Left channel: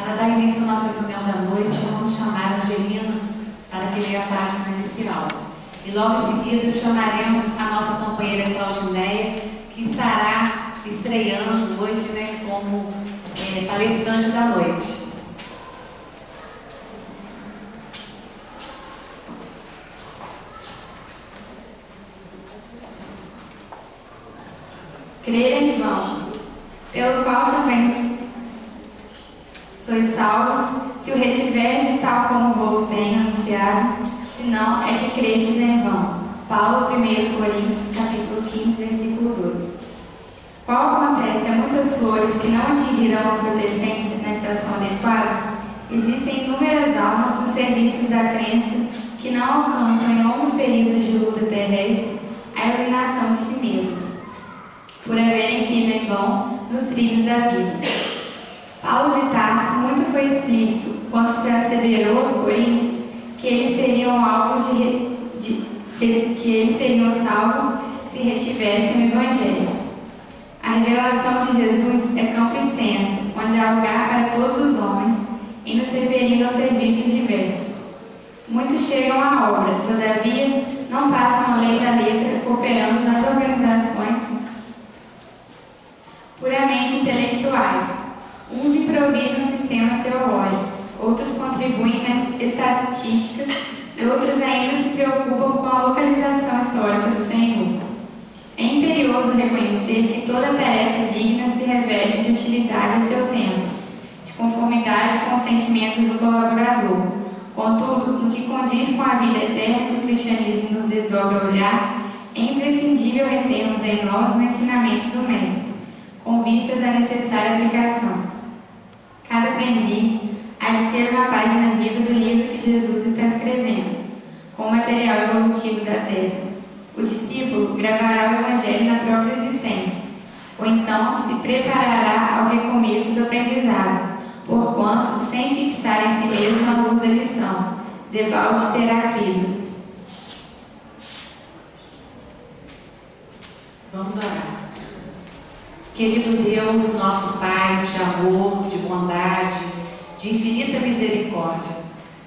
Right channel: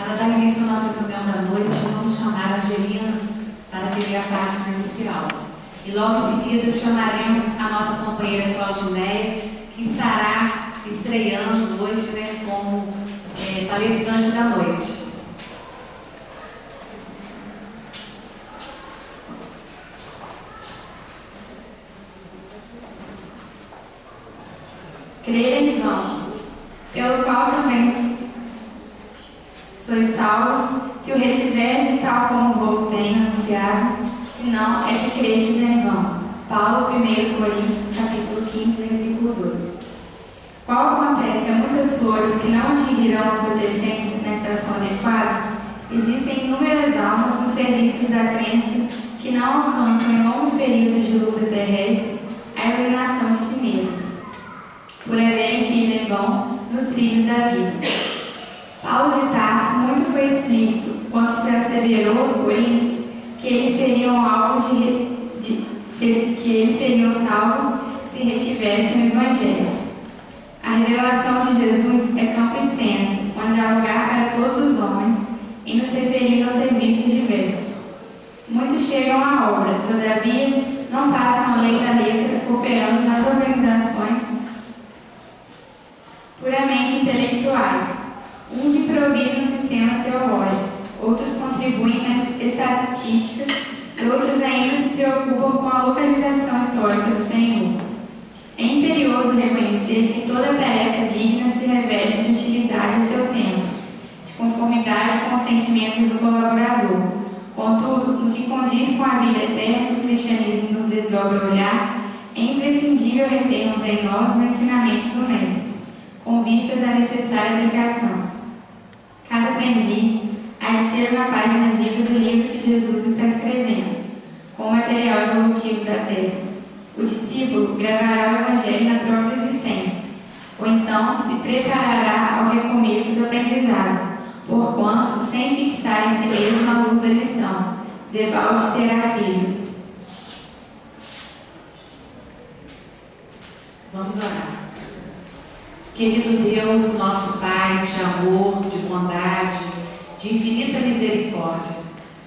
Para dar início à nossa reunião da noite, vamos chamar a Angelina para que leia a página inicial. E logo em seguida chamaremos a nossa companheira Claudineia, que estará estreando hoje, como palestrante da noite. Crer em vão, pelo qual também sois salvos, se o retiverdes tal como vou tenho anunciado, senão é que crestes em vão. Paulo, 1 Coríntios, capítulo 15, versículo 2. Qual acontece a muitas flores que não atingirão a frutescência na estação adequada, existem inúmeras almas nos serviços da crença que não alcançam em longos períodos de luta terrestre a iluminação de si mesmas, por haverem crido em vão nos trilhos da vida. Paulo de Tarso muito foi explícito quando se asseverou aos coríntios que eles seriam alvos que eles seriam salvos se retivessem o Evangelho. A revelação de Jesus é campo extenso, onde há lugar para todos os homens, e nos referindo aos serviços diversos. Muitos chegam à obra, todavia não passam além da letra, cooperando nas organizações puramente intelectuais. Uns improvisam sistemas teológicos, outros contribuem na estatística e outros ainda se preocupam com a localização histórica do Senhor. É imperioso reconhecer que toda tarefa digna se reveste de utilidade a seu tempo, de conformidade com os sentimentos do colaborador. Contudo, no que condiz com a vida eterna que o cristianismo nos desdobra olhar, é imprescindível retermos em nós o ensinamento do Mestre, com vistas à necessária aplicação. Cada aprendiz há de ser uma página viva do livro que Jesus está escrevendo, com o material evolutivo da terra. O discípulo gravará o Evangelho na própria existência, ou então se preparará ao recomeço do aprendizado, porquanto, sem fixar em si mesmo a luz da lição, debalde terá crido. Vamos orar. Querido Deus, nosso Pai de amor, de bondade, de infinita misericórdia,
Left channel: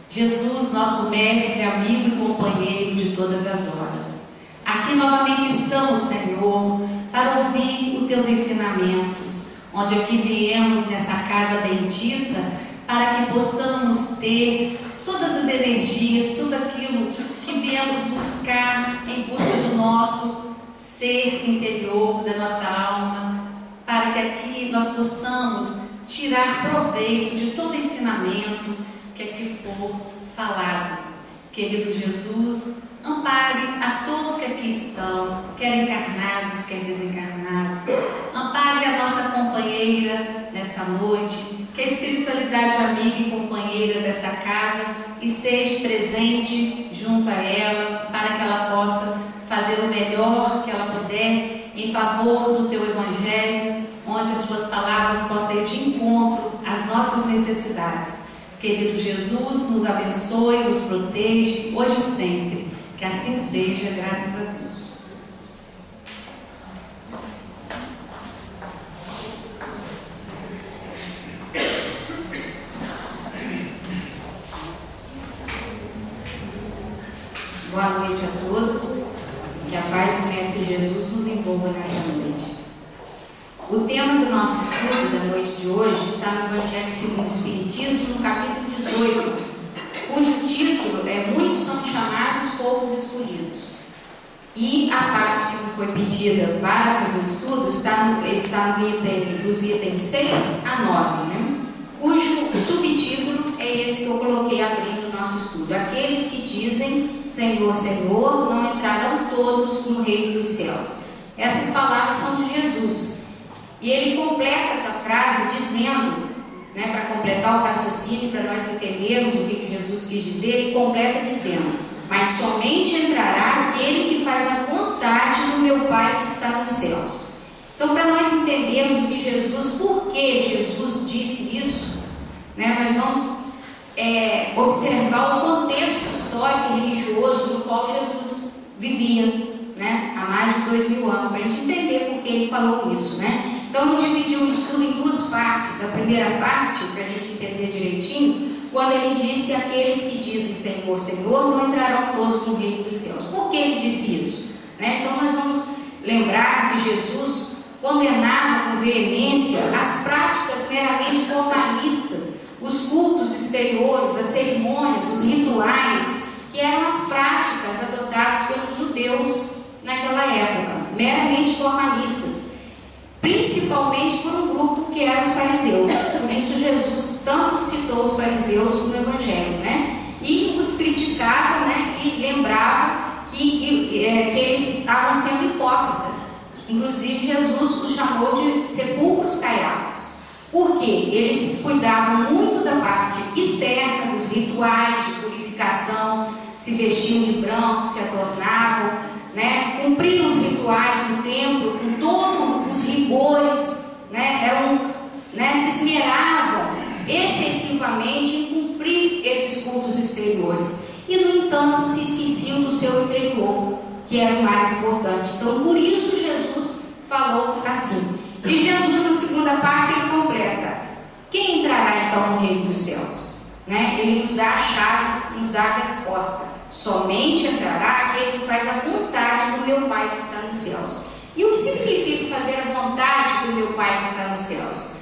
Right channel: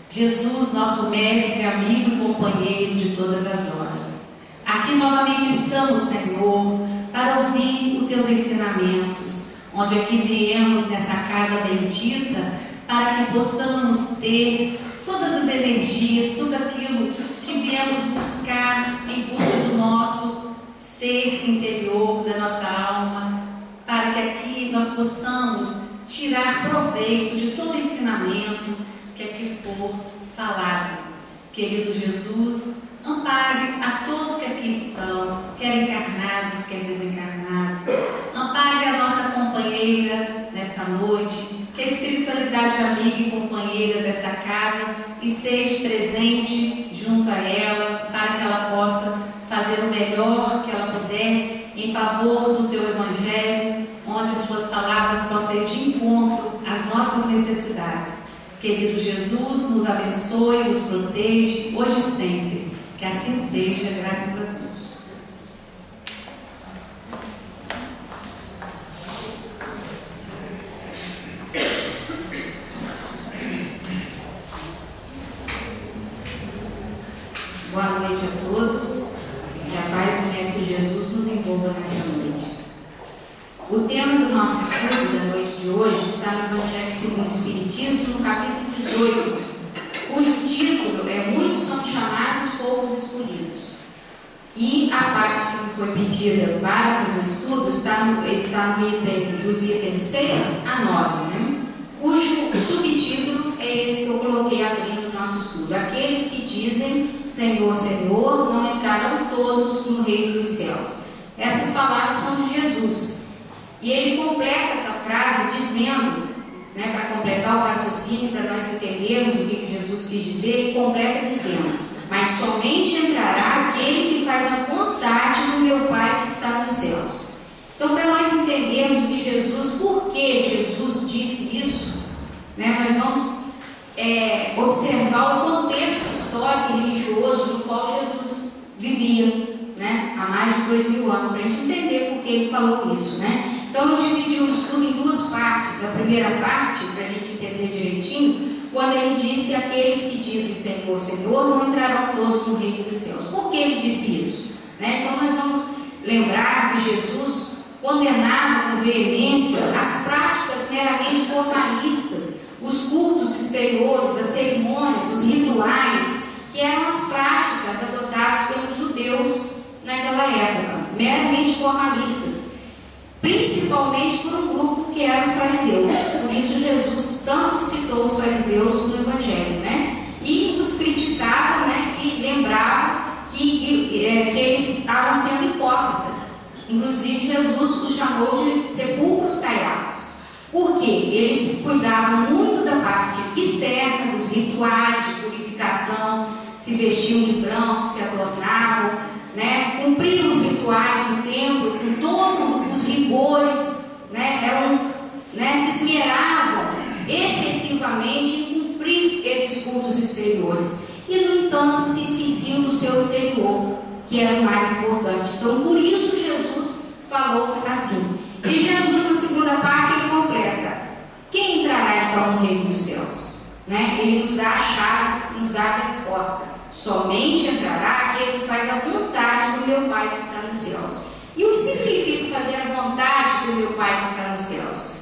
Jesus, nosso mestre, amigo e companheiro de todas as horas. Aqui novamente estamos, Senhor, para ouvir os teus ensinamentos, onde aqui viemos nessa casa bendita, para que possamos ter todas as energias, tudo aquilo que viemos buscar em busca do nosso ser interior, da nossa alma, para que aqui nós possamos tirar proveito de todo ensinamento que aqui for falado. Querido Jesus, ampare a todos que aqui estão, quer encarnados, quer desencarnados. Ampare a nossa companheira nesta noite, que a espiritualidade amiga e companheira desta casa esteja presente junto a ela, para que ela possa fazer o melhor que ela puder em favor do teu Evangelho, onde as suas palavras possam ir de encontro às nossas necessidades. Querido Jesus, nos abençoe, nos protege, hoje e sempre. Que assim seja, graças a Deus. Boa noite a todos. Que a paz do Mestre Jesus nos envolva nessa noite. O tema do nosso estudo da noite de hoje está no Evangelho segundo o Espiritismo, no capítulo 18, cujo título é Muitos são chamados, poucos escolhidos. E a parte que me foi pedida para fazer o estudo está dos itens 6 a 9, cujo subtítulo é esse que eu coloquei abrindo o nosso estudo. Aqueles que dizem Senhor, Senhor, não entrarão todos no reino dos céus. Essas palavras são de Jesus. E ele completa essa frase dizendo, para completar o raciocínio, para nós entendermos o que Jesus quis dizer, ele completa dizendo: mas somente entrará aquele que faz a vontade do meu Pai que está nos céus. Então, para nós entendermos o que Jesus, por que Jesus disse isso, nós vamos observar o contexto histórico e religioso no qual Jesus vivia, há mais de 2000 anos, para a gente entender por que ele falou isso, Então eu dividi o estudo em duas partes. A primeira parte, para a gente entender direitinho, quando ele disse: aqueles que dizem Senhor, Senhor, não entrarão todos no reino dos céus. Por que ele disse isso? Então nós vamos lembrar que Jesus condenava com veemência as práticas meramente formalistas, os cultos exteriores, as cerimônias, os rituais, que eram as práticas adotadas pelos judeus naquela época, meramente formalistas, principalmente por um grupo que eram os fariseus. Por isso Jesus tanto citou os fariseus no Evangelho, e os criticava, e lembrava que eles estavam sendo hipócritas. Inclusive Jesus os chamou de sepulcros caiados. Por quê? Eles cuidavam muito da parte externa, dos rituais de purificação, se vestiam de branco, se adornavam, cumpriam os rituais do templo com todos os rigores, se esmeravam excessivamente em cumprir esses cultos exteriores. E, no entanto, se esqueciam do seu interior, que era o mais importante. Então, por isso Jesus falou assim. E Jesus, na segunda parte, ele completa: quem entrará então no reino dos céus? Ele nos dá a chave, nos dá a resposta. Somente entrará aquele que faz a vontade do meu Pai que está nos céus. E o que significa fazer a vontade do meu Pai que está nos céus?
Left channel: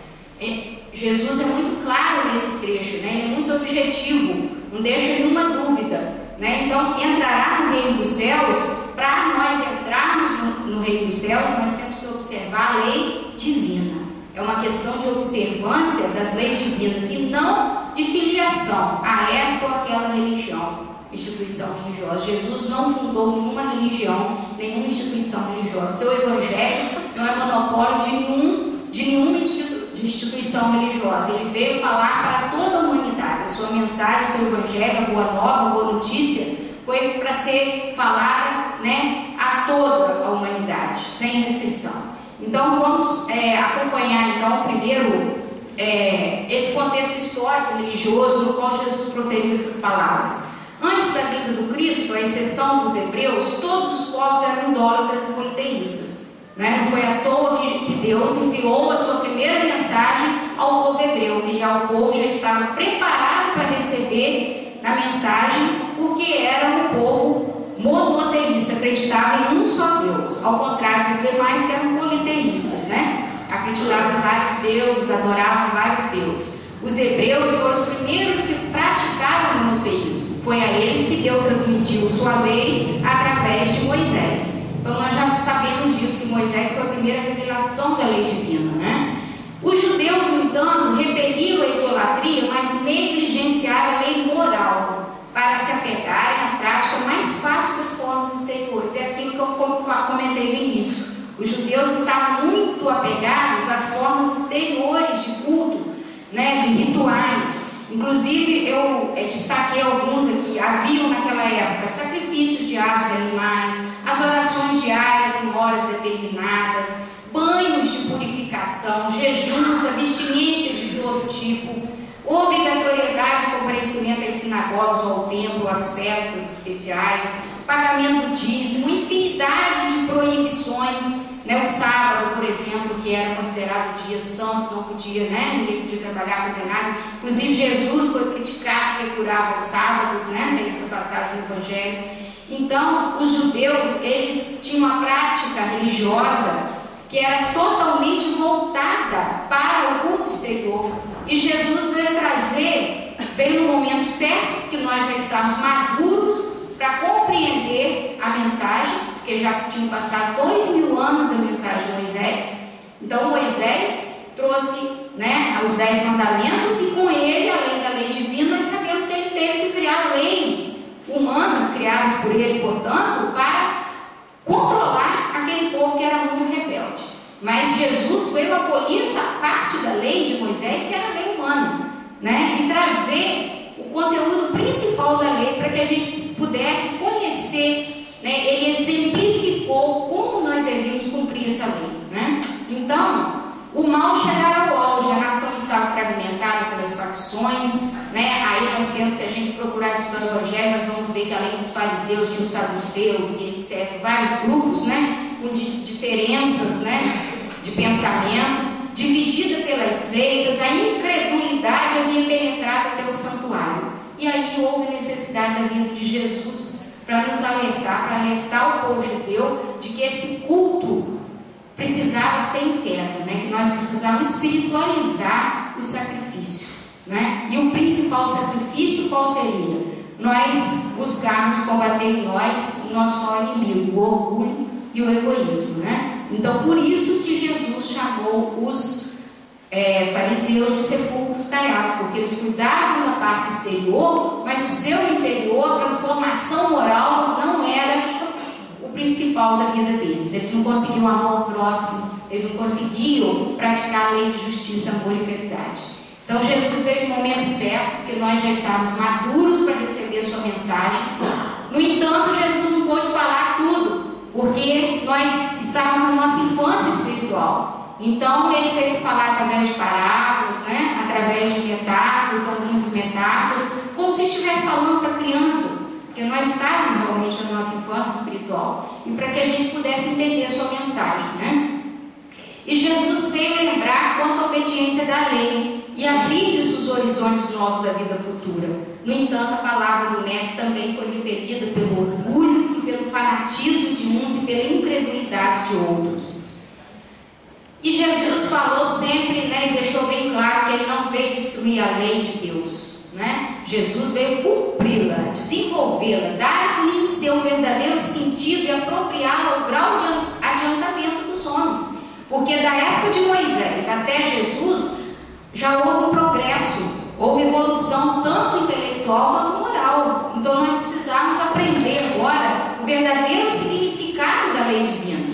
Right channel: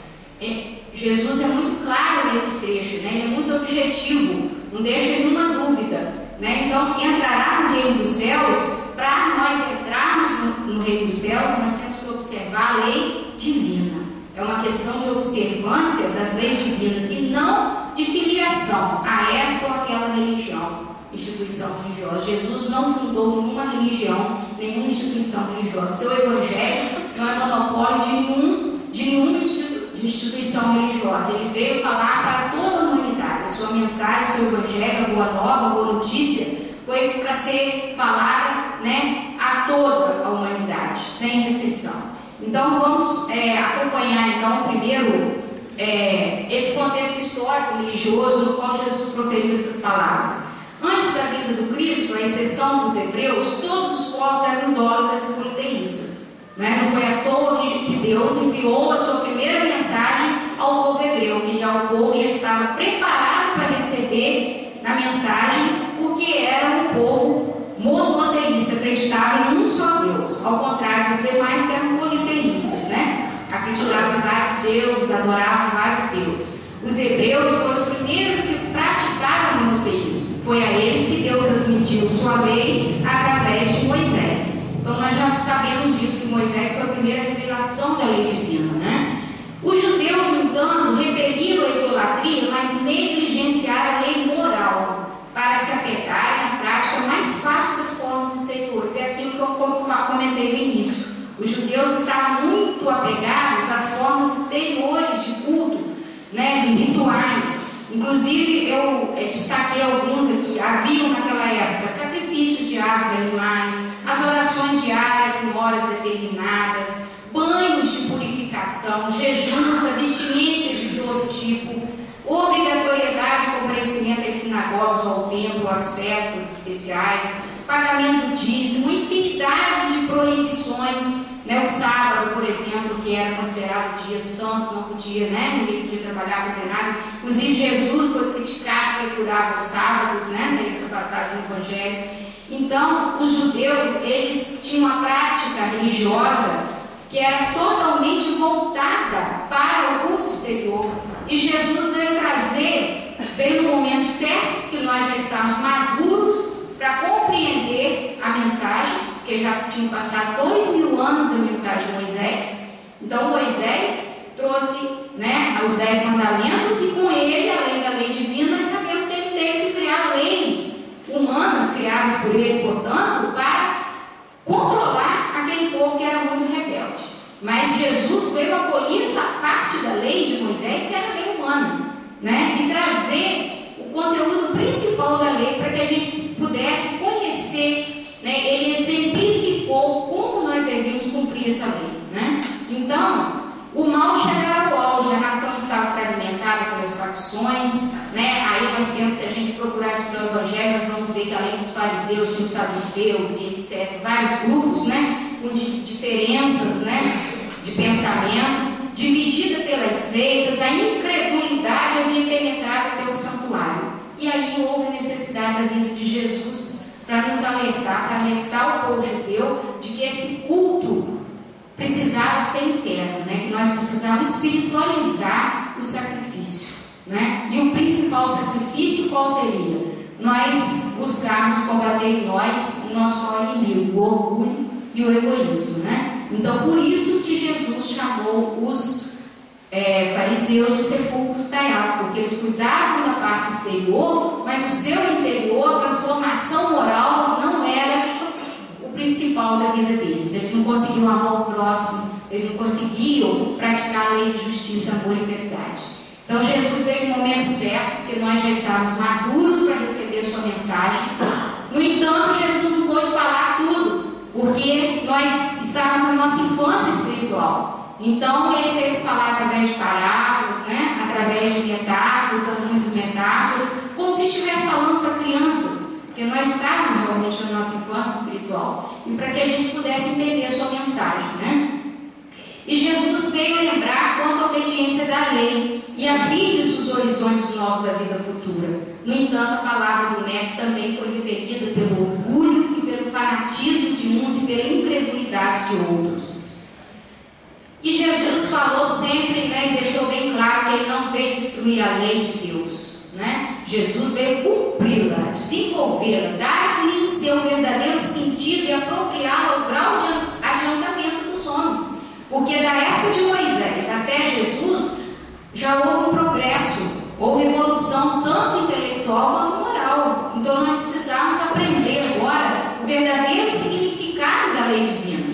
Jesus é muito claro nesse trecho, ele é muito objetivo, não deixa nenhuma dúvida. Então, entrará no reino dos céus. Para nós entrarmos no reino dos céus, nós temos que observar a lei divina. É uma questão de observância das leis divinas e não de filiação a esta ou aquela religião, instituição religiosa. Jesus não fundou nenhuma religião, nenhuma instituição religiosa. Seu evangelho não é monopólio de nenhuma instituição religiosa. Ele veio falar para toda a humanidade. A sua mensagem, seu evangelho, a boa nova, a boa notícia, foi para ser falada a toda a humanidade, sem restrição. Então vamos acompanhar então primeiro esse contexto histórico religioso no qual Jesus proferiu essas palavras. Antes da vinda do Cristo, à exceção dos hebreus, todos os povos eram idólatras e politeístas. Não foi à toa que Deus enviou a sua primeira mensagem ao povo hebreu, que já o povo já estava preparado para receber a mensagem, porque era um povo monoteísta, acreditava em um só Deus, ao contrário dos demais que eram politeístas, acreditavam em vários deuses, adoravam vários deuses. Os hebreus foram os primeiros que praticaram o monoteísmo. Foi a eles que Deus transmitiu sua lei através de Moisés. Então nós já sabemos disso, que Moisés foi a primeira revelação da lei divina. Os judeus, no entanto, repeliram a idolatria, mas negligenciaram a lei moral para se apegarem à prática mais fácil das formas exteriores. É aquilo que eu comentei no início. Os judeus estavam muito apegados às formas exteriores de culto, de rituais. Inclusive, eu destaquei alguns aqui. Haviam naquela época sacrifícios de aves e animais, as orações diárias em horas determinadas, banhos de purificação, jejuns, abstinências de todo tipo, obrigatoriedade de comparecimento às sinagogas ou ao templo, às festas especiais, pagamento do dízimo, infinidade de proibições. O sábado, por exemplo, que era considerado dia santo, não podia, ninguém podia trabalhar, fazer nada. Inclusive Jesus foi criticado porque curava os sábados, tem essa passagem no Evangelho. Então, os judeus, eles tinham uma prática religiosa que era totalmente voltada para o culto exterior. E Jesus veio no momento certo, que nós já estávamos maduros para compreender a mensagem, porque já tinham passado 2000 anos da mensagem de Moisés. Então Moisés trouxe os 10 mandamentos, e com ele, além da lei divina, nós sabemos que ele teve que criar leis humanas, criadas por ele, portanto, para controlar aquele povo que era muito rebelde. Mas Jesus veio abolir essa parte da lei de Moisés, que era a lei humana, e trazer o conteúdo principal da lei para que a gente pudesse conhecer. Ele exemplificou como nós devíamos cumprir essa lei. Então, o mal chegara ao auge, a nação estava fragmentada pelas facções. Aí nós temos, se a gente procurar estudar o Evangelho, nós vamos ver que além dos fariseus, tinha os saduceus e etc., vários grupos, com diferenças, de pensamento, dividida pelas seitas, a incredulidade havia penetrado até o santuário. E aí houve necessidade da vinda de Jesus para nos alertar, para alertar o povo judeu de que esse culto precisava ser interno, né? Que nós precisávamos espiritualizar o sacrifício, né? E o principal sacrifício qual seria? Nós buscarmos combater em nós o nosso maior inimigo, o orgulho e o egoísmo, né? Então, por isso que Jesus chamou os fariseus de sepulcros talhados, porque eles cuidavam da parte exterior, mas o seu interior, a transformação moral, não era o principal da vida deles. Eles não conseguiam amar o próximo, eles não conseguiam praticar a lei de justiça, amor e caridade. Então Jesus veio no momento certo, porque nós já estávamos maduros para receber sua mensagem. No entanto, Jesus não pôde falar tudo, porque nós estávamos na nossa infância espiritual. Então ele teve que falar através de parábolas, né? Através de metáforas, algumas metáforas, como se estivesse falando para crianças, porque nós estávamos realmente na nossa infância espiritual, e para que a gente pudesse entender a sua mensagem, né? E Jesus veio lembrar quanto à obediência da lei e abrir-lhes os horizontes novos da vida futura. No entanto, a palavra do Mestre também foi repelida pelo orgulho e pelo fanatismo de uns e pela incredulidade de outros. E Jesus falou sempre, né, e deixou bem claro que ele não veio destruir a lei de Deus, né? Jesus veio cumpri-la, desenvolvê-la, dar-lhe seu verdadeiro sentido e apropriá-la ao grau de adiantamento dos homens. Porque da época de Moisés até Jesus já houve um progresso, houve evolução tanto intelectual quanto moral. Então nós precisamos aprender agora o verdadeiro significado da lei divina.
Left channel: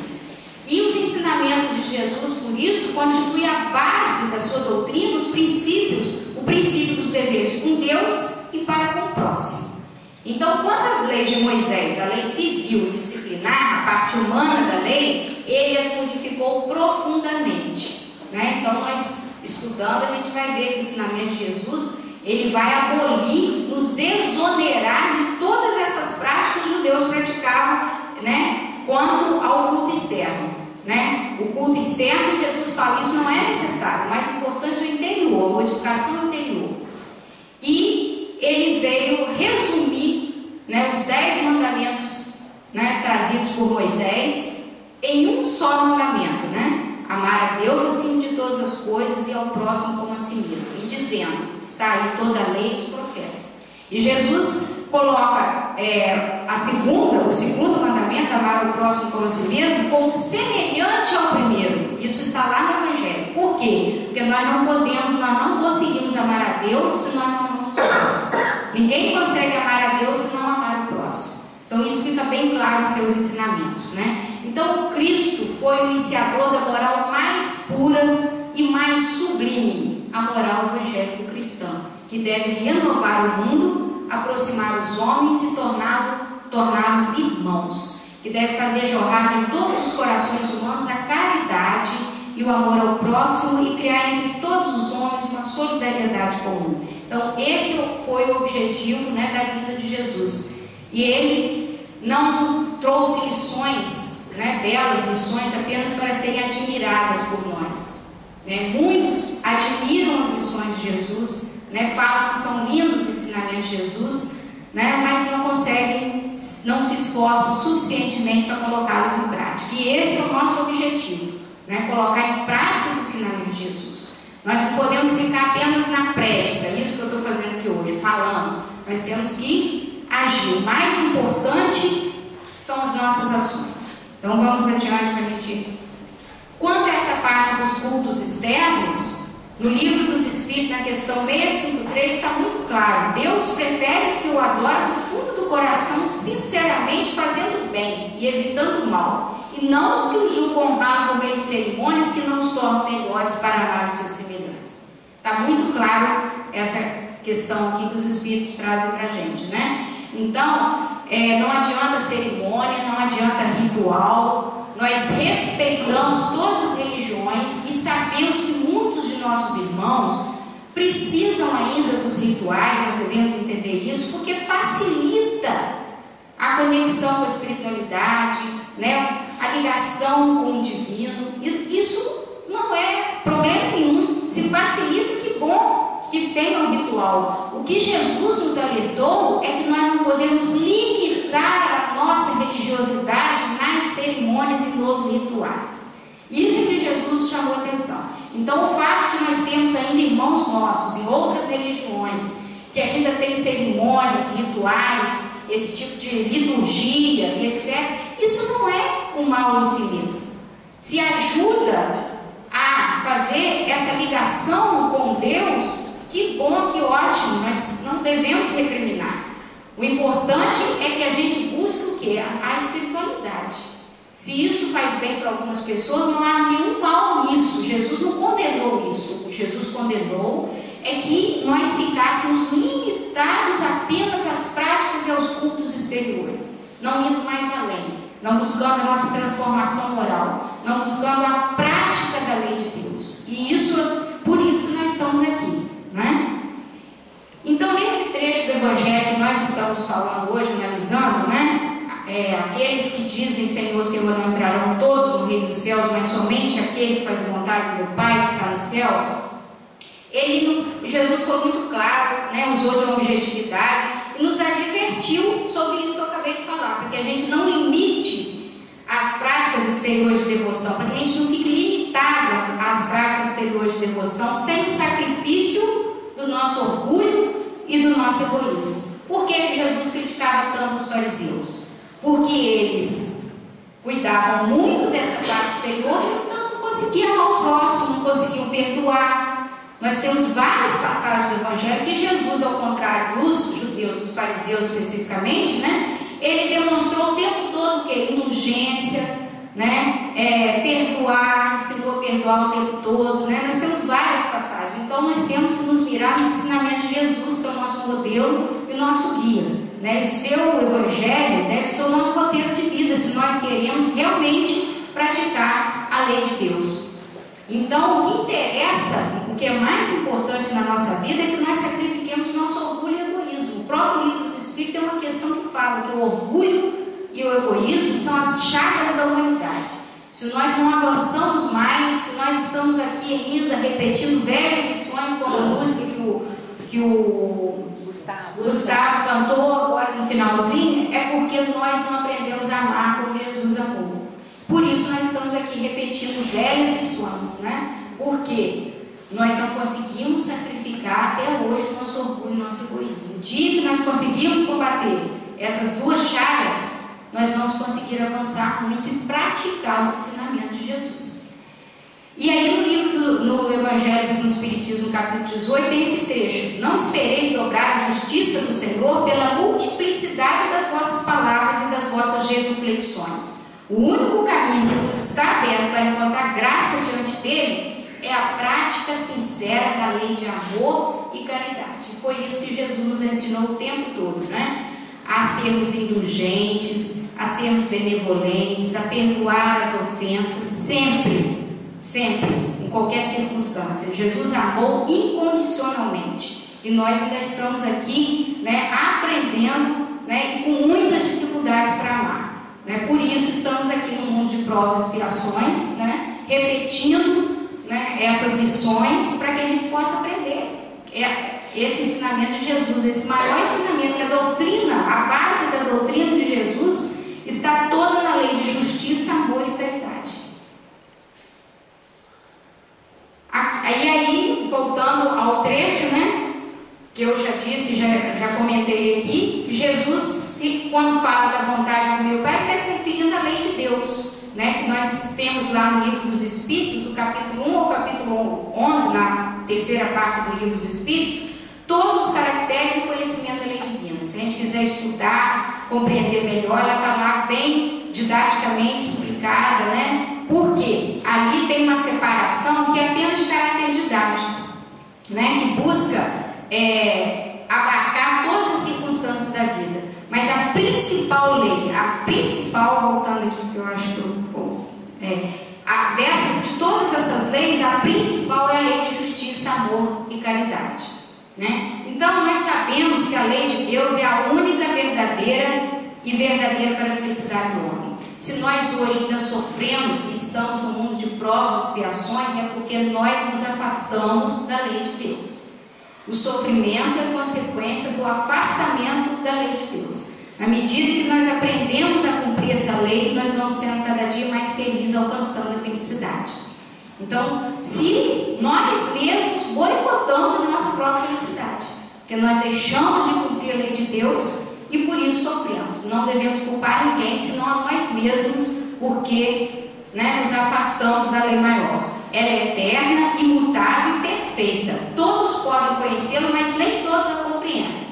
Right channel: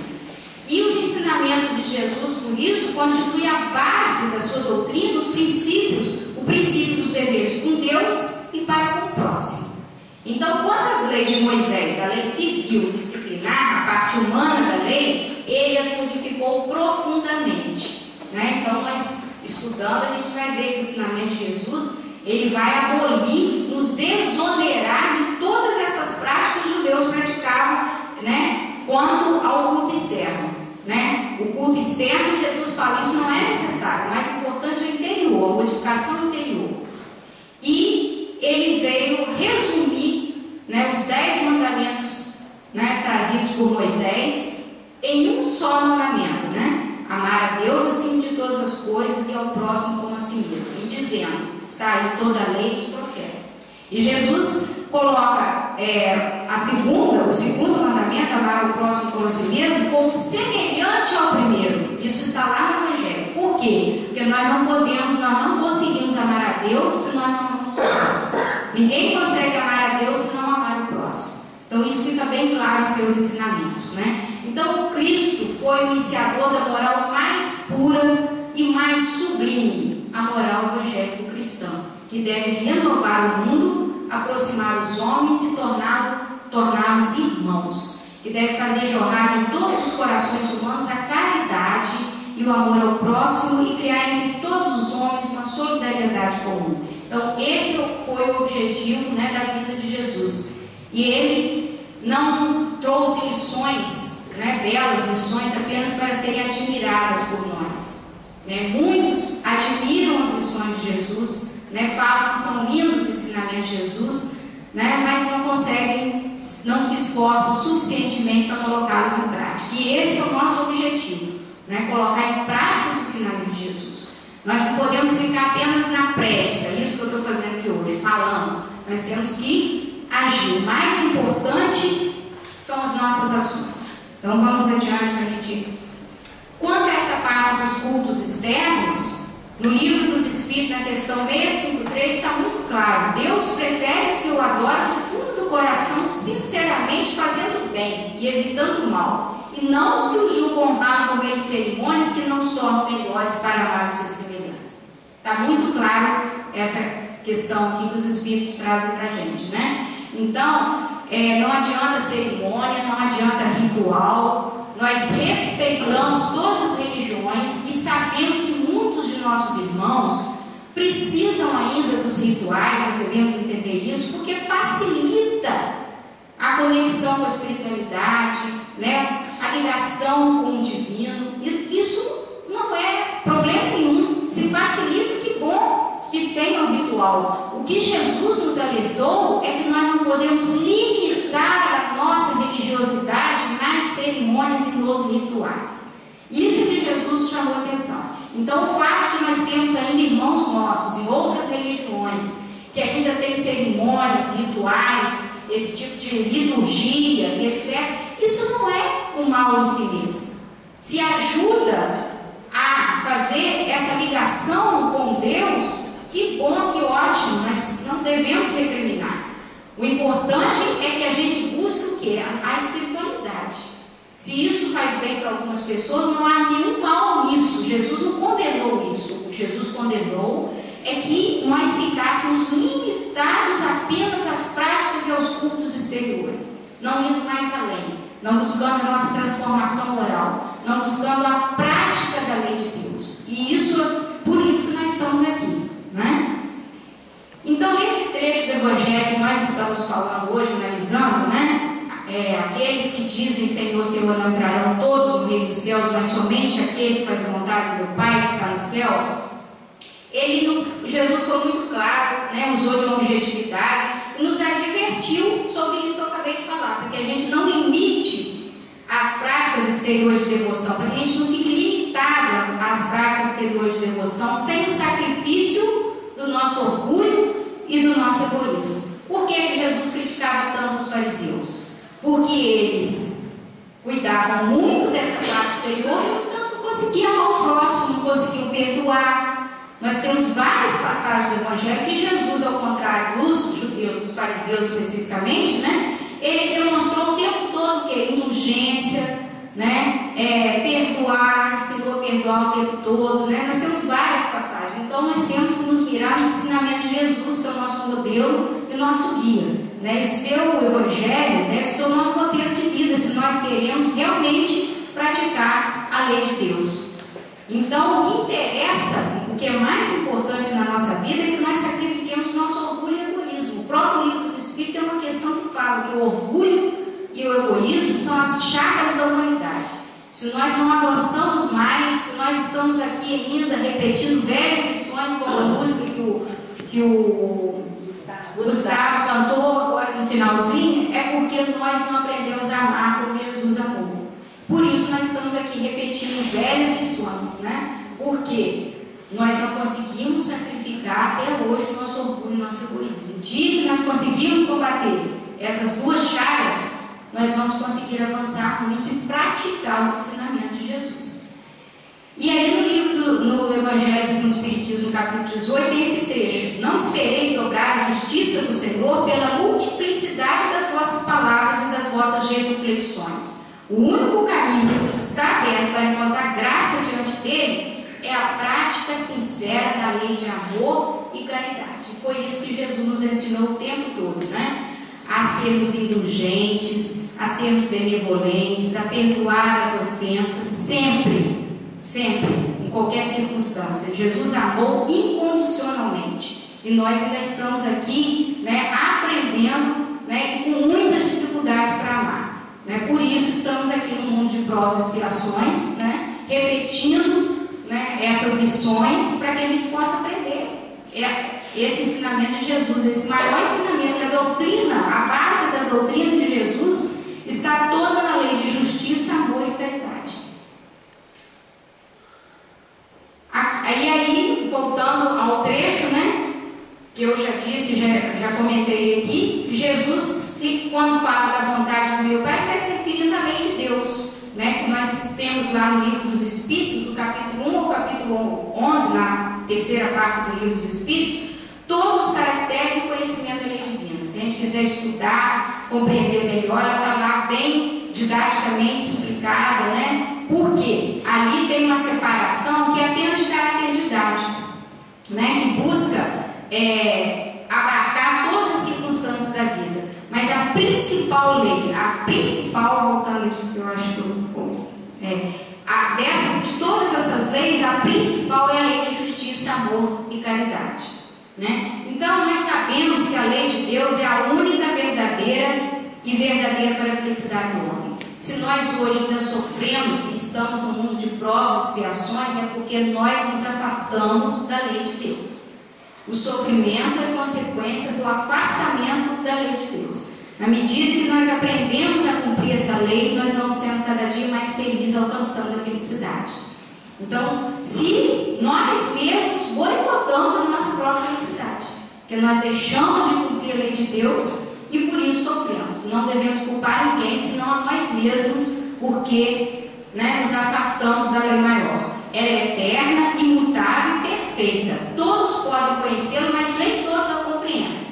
E os ensinamentos de Jesus, por isso, constituem a base da sua doutrina, os princípios, o princípio dos deveres com Deus e para com o próximo. Então, quanto às leis de Moisés, a lei civil disciplinar, a parte humana da lei, ele as modificou profundamente, né? Então, nós estudando, a gente vai ver que o ensinamento de Jesus, ele vai abolir, nos desonerar de todas essas práticas que os judeus praticavam, né? Quanto ao culto externo, né? O culto externo, Jesus fala, isso não é necessário, o mais importante é o interior, a modificação interior. E ele veio resumir, né, os 10 mandamentos, né, trazidos por Moisés em um só mandamento, né? Amar a Deus acima de todas as coisas e ao próximo como a si mesmo. E dizendo, está aí toda a lei e os profetas. E Jesus coloca o segundo mandamento, amar o próximo como a si mesmo, como semelhante ao primeiro. Isso está lá no Evangelho. Por quê? Porque nós não conseguimos amar a Deus se nós não amamos o próximo. Ninguém consegue amar a Deus se não amar o próximo. Então isso fica bem claro em seus ensinamentos, né? Então Cristo foi o iniciador da moral mais pura e mais sublime, a moral evangélico-cristã, que deve renovar o mundo, aproximar os homens e torná-los irmãos, que deve fazer jorrar de todos os corações humanos a caridade e o amor ao próximo e criar entre todos os homens uma solidariedade comum. Então esse foi o objetivo, né, da vida de Jesus. E ele não trouxe lições, né, belas lições apenas para serem admiradas por nós, né? Muitos admiram as lições de Jesus, né, falam que são lindos os ensinamentos de Jesus, né, mas não se esforçam suficientemente para colocá-los em prática. E esse é o nosso objetivo, né, colocar em prática os ensinamentos de Jesus. Nós não podemos ficar apenas na prática, é isso que eu estou fazendo aqui hoje, falando. Nós temos que agir. O mais importante são as nossas ações. Então vamos adiante para a gente. Quanto a essa parte dos cultos externos, no livro dos Espíritos, na questão 653, está muito claro. Deus prefere os que o adoram do fundo do coração, sinceramente fazendo bem e evitando o mal, e não os que o julgam honrado por meio de cerimônias que não os tornam melhores para amar os seus semelhantes. Está muito claro essa questão aqui que os Espíritos trazem para a gente, né? Então, não adianta cerimônia, não adianta ritual. Nós respeitamos todas as religiões e sabemos que muitos de nossos irmãos precisam ainda dos rituais. Nós devemos entender isso, porque facilita a conexão com a espiritualidade, né? A ligação com o divino. E isso tem ao ritual. O que Jesus nos alertou é que nós não podemos limitar a nossa religiosidade nas cerimônias e nos rituais. Isso que Jesus chamou a atenção. Então, o fato de nós termos ainda irmãos nossos em outras religiões que ainda tem cerimônias, rituais, esse tipo de liturgia, etc., isso não é um mal em si mesmo. Se ajuda a fazer essa ligação com Deus, que bom, que ótimo, mas não devemos recriminar. O importante é que a gente busque o quê? A espiritualidade. Se isso faz bem para algumas pessoas, não há nenhum mal nisso. Jesus não condenou isso. O que Jesus condenou é que nós ficássemos limitados apenas às práticas e aos cultos exteriores, não indo mais além, não buscando a nossa transformação moral, não buscando a prática da lei de Deus. E isso, por isso que nós estamos aqui, né? Então, nesse trecho do Evangelho que nós estamos falando hoje, analisando, né? Aqueles que dizem: Senhor, Senhor, não entrarão todos no reino dos céus, mas somente aquele que faz a vontade do meu Pai que está nos céus. Jesus foi muito claro, né? Usou de uma objetividade e nos advertiu sobre isso que eu acabei de falar, para que a gente não limite as práticas exteriores de devoção, para que a gente não fique limitado às práticas exteriores de devoção sem o sacrifício do nosso orgulho e do nosso egoísmo. Por que Jesus criticava tanto os fariseus? Porque eles cuidavam muito dessa parte exterior e não conseguiam amar o próximo, não conseguiam perdoar. Nós temos várias passagens do Evangelho que Jesus, ao contrário dos judeus, dos fariseus especificamente, né, ele demonstrou o tempo todo que indulgência, né, perdoar, ensinou a perdoar o tempo todo, né. Nós temos várias passagens. Então nós temos que nos virar no ensinamento de Jesus, que é o nosso modelo e o nosso guia, né. E o seu Evangelho deve ser o nosso roteiro de vida, se nós queremos realmente praticar a lei de Deus. Então, o que interessa, o que é mais importante na nossa vida é que nós sacrifiquemos nosso orgulho e egoísmo. O próprio livro dos Espíritos tem uma questão que fala que o orgulho e o egoísmo são as chagas da humanidade. Se nós não avançamos mais, se nós estamos aqui ainda repetindo velhas lições, como a música que o Gustavo cantou agora no finalzinho, é porque nós não aprendemos a amar como Jesus amou. Por isso nós estamos aqui repetindo velhas lições, né? Porque nós não conseguimos sacrificar até hoje o nosso orgulho e o nosso egoísmo. O dia que nós conseguimos combater essas duas chagas, nós vamos conseguir avançar muito e praticar os ensinamentos de Jesus. E aí no Evangelho segundo o Espiritismo, capítulo 18, tem esse trecho: não espereis dobrar a justiça do Senhor pela multiplicidade das vossas palavras e das vossas genuflexões. O único caminho que nos está aberto para encontrar graça diante dele é a prática sincera da lei de amor e caridade. Foi isso que Jesus nos ensinou o tempo todo, né? A sermos indulgentes, a sermos benevolentes, a perdoar as ofensas, sempre, em qualquer circunstância. Jesus amou incondicionalmente. E nós ainda estamos aqui, né, aprendendo, né, e com muitas dificuldades para amar. Por isso estamos aqui no mundo de provas e expiações, né, repetindo, né, essas lições para que a gente possa aprender esse ensinamento de Jesus, esse maior ensinamento, a doutrina, a base da doutrina de Jesus está toda na lei de justiça, amor e caridade. Aí voltando ao trecho, né, que eu já disse, já comentei aqui, Jesus, quando fala da vontade do meu Pai, está se referindo à lei de Deus, né, que nós temos lá no livro dos Espíritos, do capítulo 1 ao capítulo 11, na terceira parte do livro dos Espíritos, todos os caracteres do conhecimento da lei divina. Se a gente quiser estudar, compreender melhor, ela está lá bem didaticamente explicada, né? Porque ali tem uma separação que é apenas de caráter didático, né? Que busca abarcar todas as circunstâncias da vida. Mas a principal lei, voltando aqui, que eu acho que eu vou, de todas essas leis, a principal é a lei de justiça, amor e caridade, né? Então nós sabemos que a lei de Deus é a única verdadeira para a felicidade do homem. Se nós hoje ainda sofremos e estamos no mundo de provas e expiações, é porque nós nos afastamos da lei de Deus. O sofrimento é consequência do afastamento da lei de Deus. Na medida que nós aprendemos a cumprir essa lei, nós vamos sendo cada dia mais felizes, alcançando a felicidade. Então, se nós mesmos boicotamos a nossa própria felicidade, porque nós deixamos de cumprir a lei de Deus e por isso sofremos. Não devemos culpar ninguém, senão a nós mesmos, porque nos afastamos da lei maior. Ela é eterna, imutável e perfeita. Todos podem conhecê-la, mas nem todos a compreendem.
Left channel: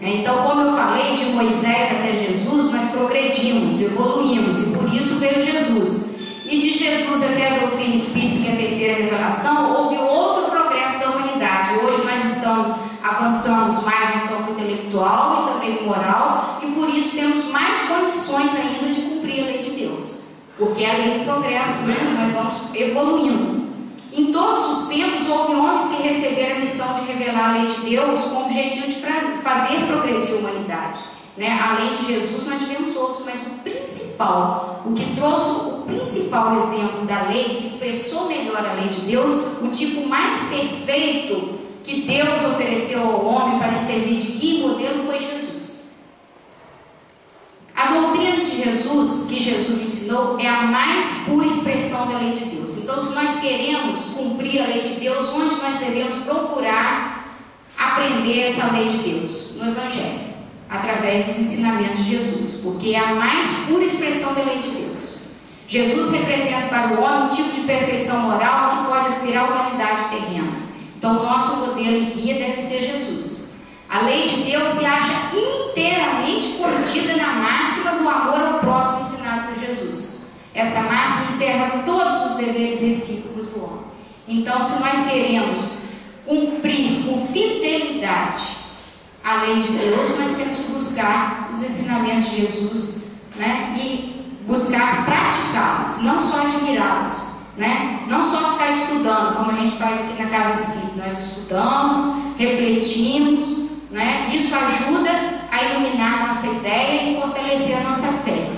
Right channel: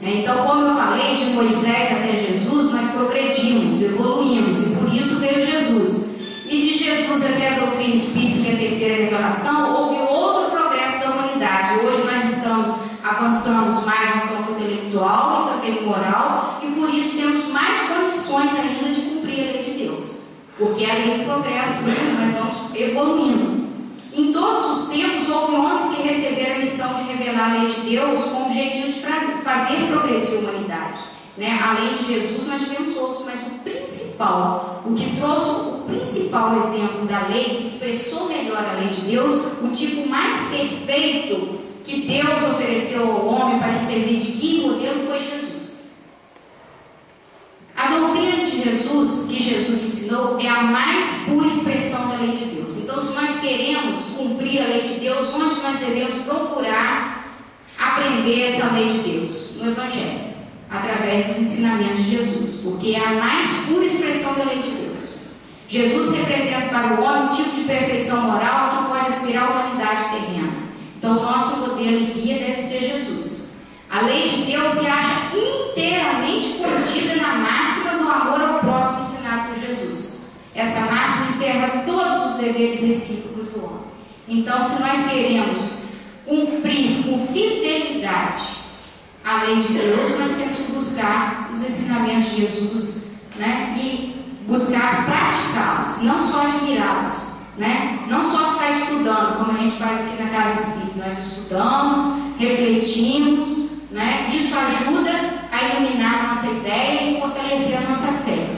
Então, como eu falei, de Moisés até Jesus, nós progredimos, evoluímos, e por isso veio Jesus. E de Jesus até a doutrina espírita, que é a terceira revelação, houve outro progresso da humanidade. Hoje nós avançamos mais no campo intelectual e também no moral, e por isso temos mais condições ainda de cumprir a lei de Deus. Porque a lei do progresso, nós vamos evoluindo. Em todos os tempos, houve homens que receberam a missão de revelar a lei de Deus com o objetivo de fazer progredir a humanidade. Além de Jesus, nós tivemos outros, mas o principal, o que trouxe o principal exemplo da lei, que expressou melhor a lei de Deus, o tipo mais perfeito que Deus ofereceu ao homem para lhe servir de guia e modelo, foi Jesus. A doutrina de Jesus, que Jesus ensinou, é a mais pura expressão da lei de Deus. Então, se nós queremos cumprir a lei de Deus, onde nós devemos procurar aprender essa lei de Deus? No Evangelho, através dos ensinamentos de Jesus, porque é a mais pura expressão da lei de Deus. Jesus representa para o homem um tipo de perfeição moral que pode aspirar à humanidade terrena. Então, o nosso modelo e guia deve ser Jesus. A lei de Deus se acha inteiramente contida na máxima do amor ao próximo ensinado por Jesus. Essa máxima encerra todos os deveres recíprocos do homem. Então, se nós queremos cumprir com fidelidade a lei de Deus, nós temos que buscar os ensinamentos de Jesus, e buscar praticá-los, não só admirá-los. Não só ficar estudando, como a gente faz aqui na Casa Espírita. Nós estudamos, refletimos, isso ajuda a iluminar a nossa ideia e fortalecer a nossa fé.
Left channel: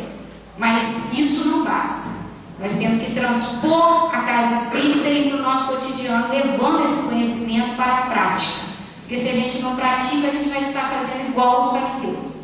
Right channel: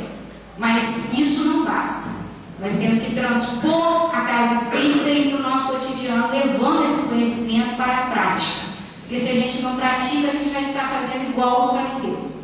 Mas isso não basta. Nós temos que transpor a Casa Espírita e no nosso cotidiano, levando esse conhecimento para a prática. Porque se a gente não pratica, a gente vai estar fazendo igual os fariseus.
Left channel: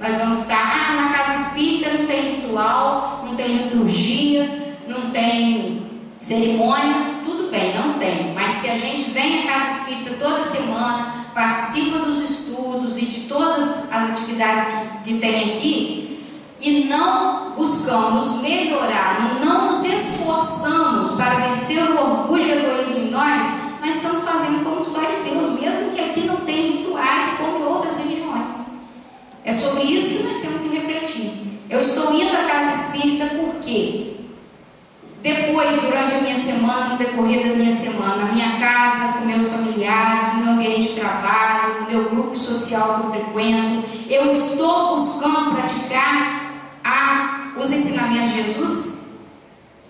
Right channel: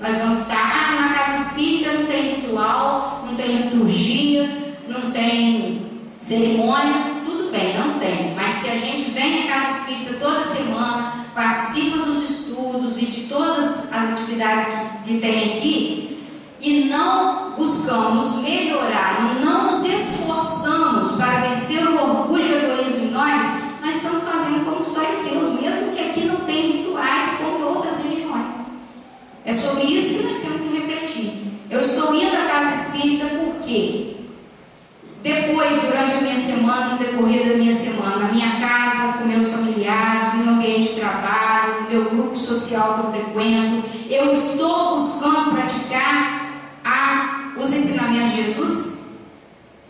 Nós vamos estar, na Casa Espírita não tem ritual, não tem liturgia, não tem cerimônias, tudo bem, não tem. Mas se a gente vem à Casa Espírita toda semana, participa dos estudos e de todas as atividades que tem aqui, e não buscamos melhorar, e não nos esforçamos para vencer o orgulho e o egoísmo em nós estamos fazendo como os fariseus, mesmo que aqui não tem rituais como em outras religiões. É sobre isso que nós temos que refletir. Eu estou indo à Casa Espírita porque depois, durante a minha semana, no decorrer da minha semana, na minha casa, com meus familiares, no meu ambiente de trabalho, no meu grupo social que eu frequento, eu estou buscando praticar os ensinamentos de Jesus?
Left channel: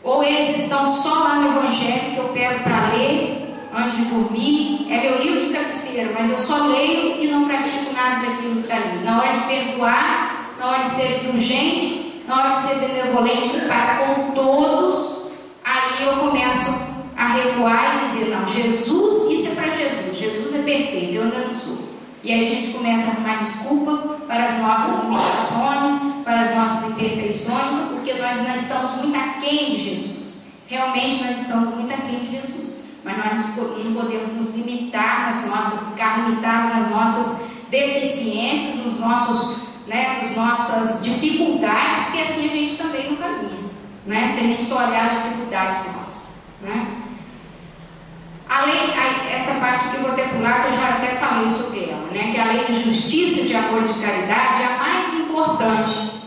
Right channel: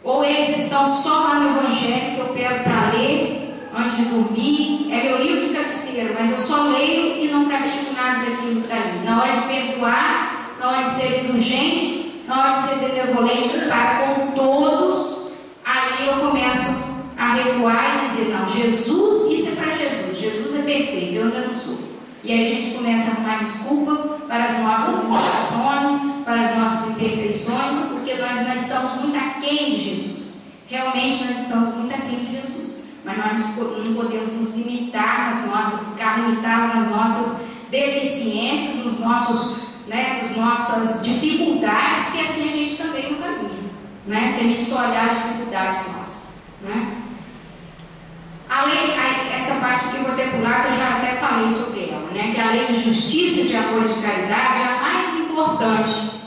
Ou eles estão só lá no Evangelho que eu pego para ler antes de dormir? É meu livro de cabeceira, mas eu só leio e não pratico nada daquilo que está ali. Na hora de perdoar, na hora de ser indulgente, na hora de ser benevolente para com todos, aí eu começo a recuar e dizer, não, Jesus, isso é para Jesus, Jesus é perfeito, eu ainda não sou. E aí a gente começa a arrumar desculpa para as nossas limitações, para as nossas imperfeições, porque nós não estamos muito aquém de Jesus. Realmente nós estamos muito aquém de Jesus. Mas nós não podemos nos limitar nas nossas, ficar limitados nas nossas deficiências, nas nossas dificuldades, porque assim a gente também não caminha, se a gente só olhar as dificuldades nossas, A lei, essa parte aqui eu vou até pular, que eu já até falei sobre ela, que a lei de justiça, de amor e de caridade é a mais importante.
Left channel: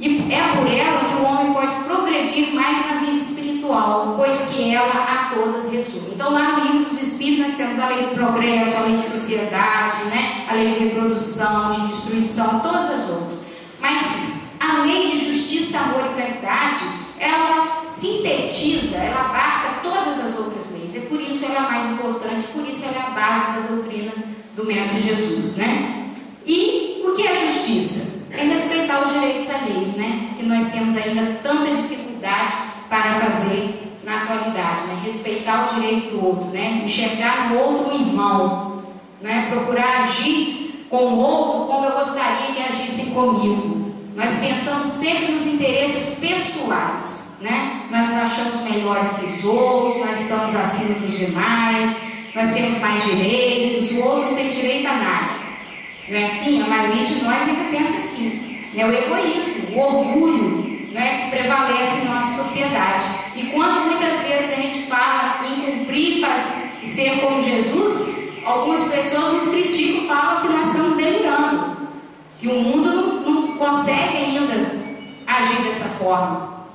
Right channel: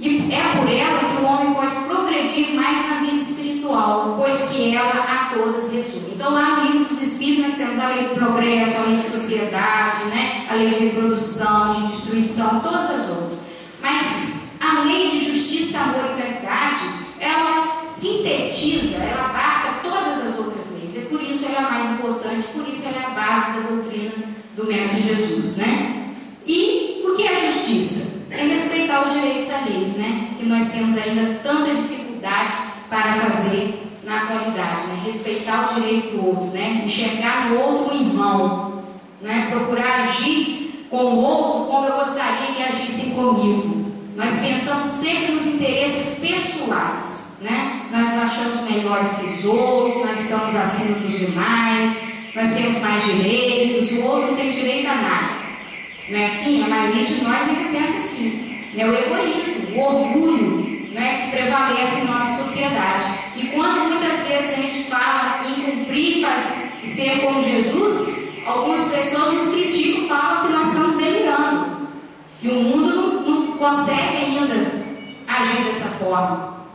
E é por ela que o homem pode progredir mais na vida espiritual, pois que ela a todas resume. Então, lá no Livro dos Espíritos, nós temos a lei do progresso, a lei de sociedade, a lei de reprodução, de destruição, todas as outras. Mas a lei de justiça, amor e caridade, ela sintetiza, ela abarca todas as outras leis. É por isso ela é a mais importante, por isso ela é a base da doutrina do Mestre Jesus, E o que é a justiça? É respeitar os direitos alheios, que nós temos ainda tanta dificuldade para fazer na atualidade, respeitar o direito do outro, enxergar no outro um irmão, né? Procurar agir com o outro como eu gostaria que agissem comigo. Nós pensamos sempre nos interesses pessoais, né? Nós nos achamos melhores que os outros, nós estamos acima dos demais, nós temos mais direitos, o outro não tem direito a nada. Não é assim? A maioria de nós ainda pensa assim. É o egoísmo, o orgulho, né, que prevalece em nossa sociedade. E quando muitas vezes a gente fala em cumprir e ser como Jesus, algumas pessoas nos criticam e falam que nós estamos delirando, que o mundo não consegue ainda agir dessa forma,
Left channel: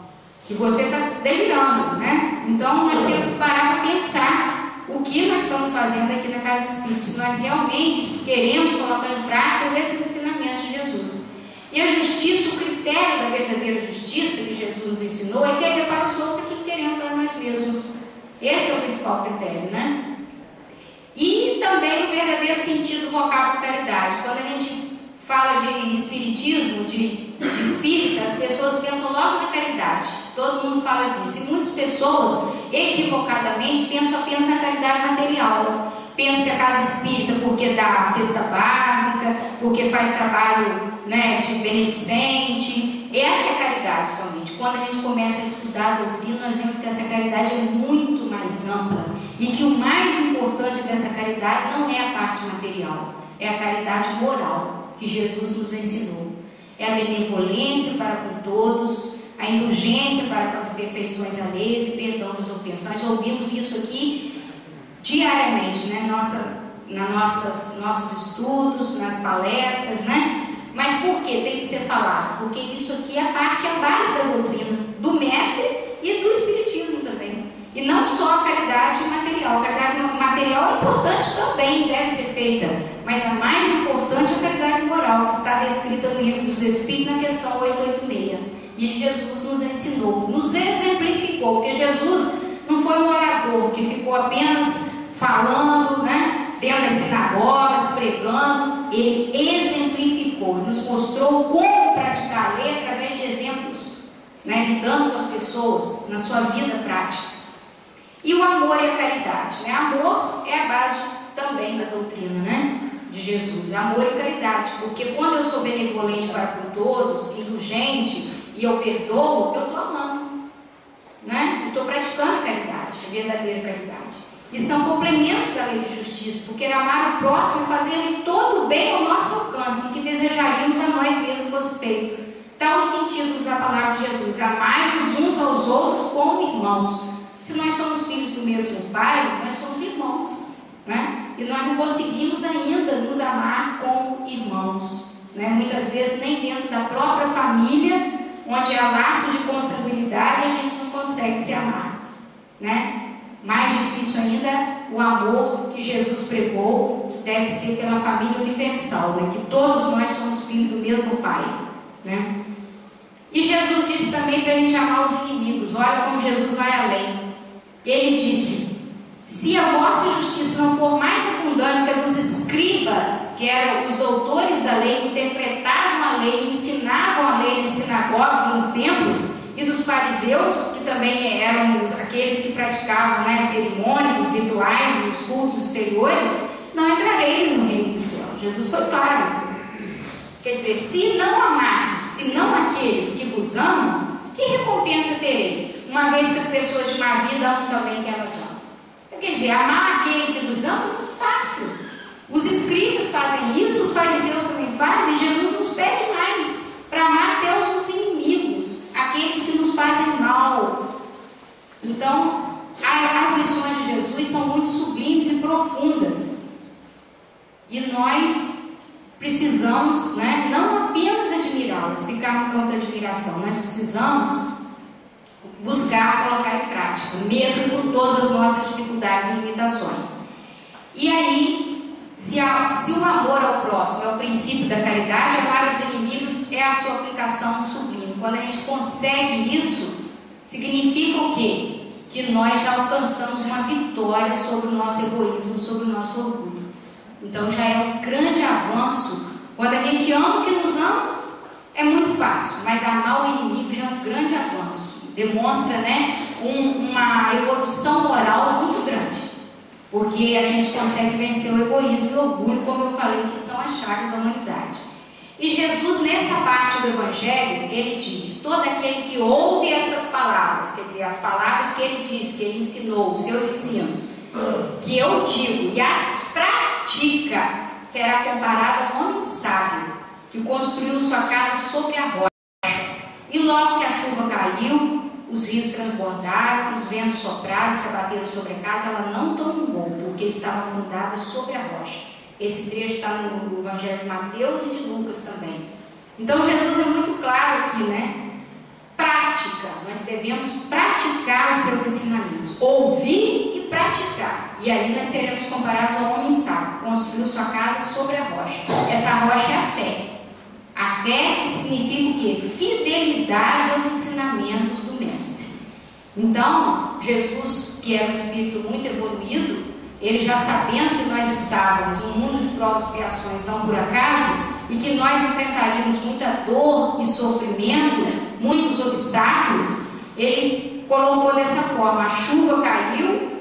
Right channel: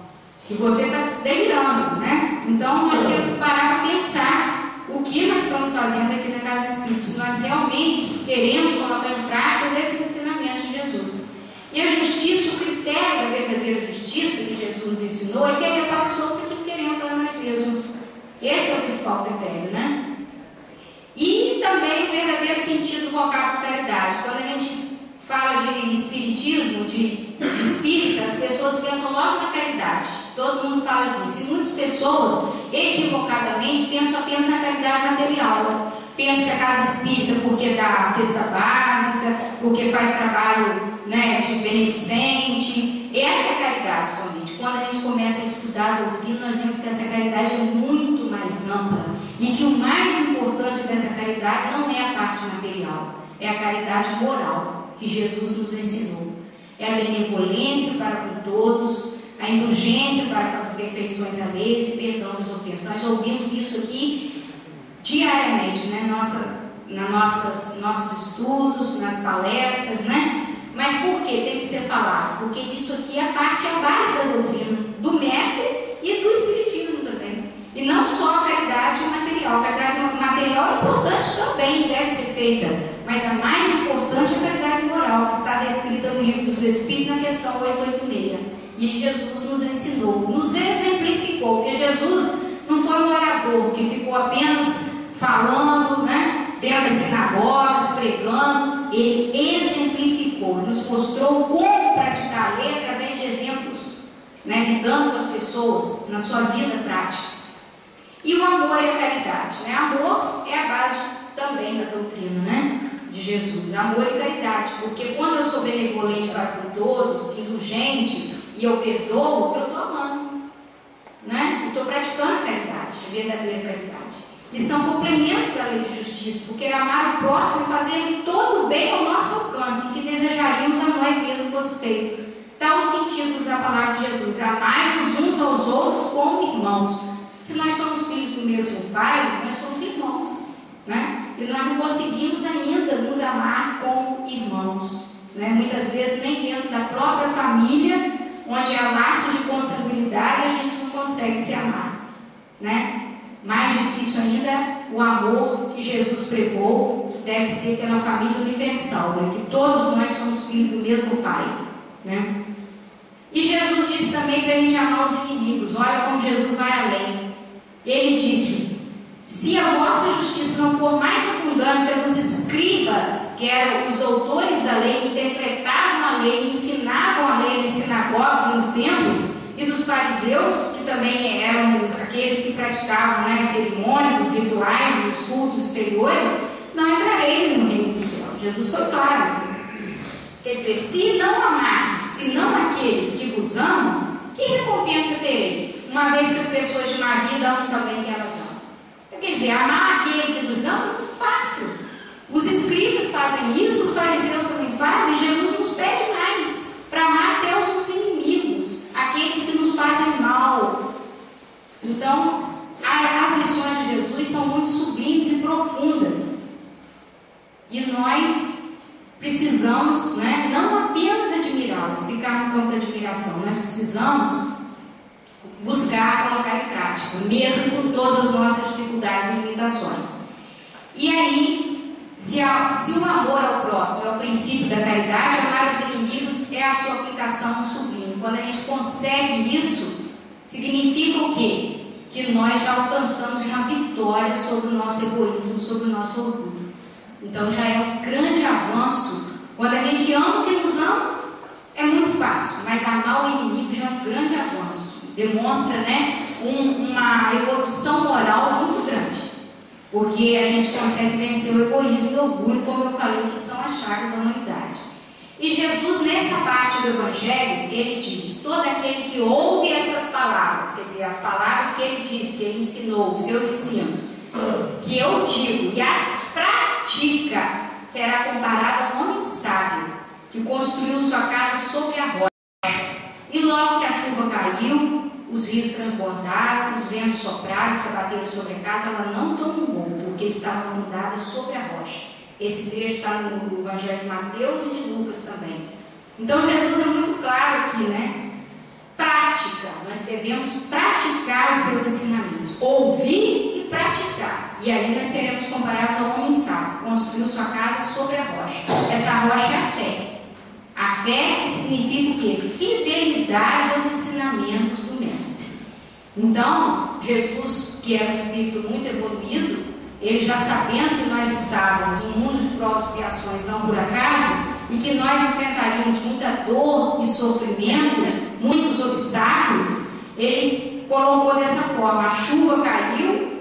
que você está delirando, né? Então nós temos que parar para pensar o que nós estamos fazendo aqui na Casa Espírita, se nós realmente queremos colocar em prática esses ensinamentos de Jesus. E a justiça, o critério da verdadeira justiça que Jesus nos ensinou é querer para os outros aquilo que queremos para nós mesmos. Esse é o principal critério, né? E também o verdadeiro sentido do vocábulo caridade. Quando a gente fala de espiritismo, de espírita, as pessoas pensam logo na caridade. Todo mundo fala disso. E muitas pessoas, equivocadamente, pensam apenas na caridade material. Pensa que a casa espírita porque dá cesta básica, porque faz trabalho, né, de beneficente. Essa é a caridade somente. Quando a gente começa a estudar a doutrina, nós vemos que essa caridade é muito mais ampla e que o mais importante dessa caridade não é a parte material, é a caridade moral que Jesus nos ensinou. É a benevolência para com todos, a indulgência para com as imperfeições alheias e perdão das ofensas. Nós ouvimos isso aqui diariamente, né? Nossos estudos, nas palestras, né? Mas por que tem que ser falado? Porque isso aqui é a base da doutrina do mestre e do espiritismo também. E não só a caridade material. A caridade material é importante também, deve ser feita. Mas a mais importante é a caridade moral, que está descrita no Livro dos Espíritos, na questão 886. E Jesus nos ensinou, nos exemplificou, porque Jesus não foi um orador que ficou apenas falando, né? Dentro das sinagogas, pregando. Ele exemplificou, nos mostrou como praticar a lei através de exemplos, né? Lidando com as pessoas na sua vida prática. E o amor e a caridade, né? Amor é a base também da doutrina, né, de Jesus. Amor e caridade, porque quando eu sou benevolente para com todos, indulgente, e eu perdoo, eu estou amando, né? Eu estou praticando a caridade, a verdadeira caridade. E são complementos da lei de justiça, porque amar o próximo é fazer todo o bem ao nosso alcance, que desejaríamos a nós mesmos fosse feito. Tal o sentido da palavra de Jesus: amai-vos uns aos outros como irmãos. Se nós somos filhos do mesmo Pai, nós somos irmãos, né? E nós não conseguimos ainda nos amar como irmãos, né? Muitas vezes nem dentro da própria família, onde há laço de consanguinidade, a gente não consegue se amar, né? Mais difícil ainda, o amor que Jesus pregou deve ser pela família universal, né? Que todos nós somos filhos do mesmo Pai, né? E Jesus disse também para a gente amar os inimigos. Olha como Jesus vai além. Ele disse: se a vossa justiça não for mais abundante que a dos escribas, que eram os doutores da lei, que interpretavam a lei, ensinavam a lei nas sinagogas e nos templos, e dos fariseus, que também eram aqueles que praticavam, né, as cerimônias, os rituais, os cultos exteriores, não entrarei no reino do céu. Jesus foi claro. Quer dizer, se não amardes, se não aqueles que vos amam, que recompensa tereis? Uma vez que as pessoas de má vida amam também que elas amam. Então, quer dizer, amar aquele que vos ama é fácil. Os escribas fazem isso, os fariseus também fazem, e Jesus nos pede mais, para amar até os inimigos, aqueles que nos fazem mal. Então, as lições de Jesus são muito sublimes e profundas. E nós precisamos, né, não apenas admirá-las, ficar no campo da admiração, nós precisamos buscar colocar em prática, mesmo com todas as nossas dificuldades e limitações. E aí, se o amor ao próximo é o princípio da caridade, amar os inimigos é a sua aplicação sublime. Quando a gente consegue isso, significa o quê? Que nós já alcançamos uma vitória sobre o nosso egoísmo, sobre o nosso orgulho. Então já é um grande avanço. Quando a gente ama o que nos ama, é muito fácil, mas amar o inimigo já é um grande avanço. Demonstra, né, uma evolução moral muito grande. porque a gente consegue vencer o egoísmo e o orgulho, como eu falei, que são as chagas da humanidade. E Jesus, nessa parte do Evangelho, ele diz: todo aquele que ouve essas palavras, quer dizer, as palavras que ele disse, que ele ensinou, os seus ensinos, que eu digo, e as pratica, será comparado a um homem sábio, que construiu sua casa sobre a rocha. E logo que a chuva caiu, os rios transbordaram, os ventos sopraram e se abateram sobre a casa, ela não tombou, porque estava fundada sobre a rocha. Esse trecho está no Evangelho de Mateus e de Lucas também. Então Jesus é muito claro aqui, né? Prática, nós devemos praticar os seus ensinamentos, ouvir e praticar. E aí nós seremos comparados ao homem sábio, construiu sua casa sobre a rocha. Essa rocha é a fé. A fé significa o quê? Fidelidade aos ensinamentos do Mestre. Então, Jesus, que era um espírito muito evoluído, ele já sabendo que nós estávamos em um mundo de provas e expiações, não por acaso, e que nós enfrentaríamos muita dor e sofrimento, muitos obstáculos, ele colocou dessa forma: a chuva caiu,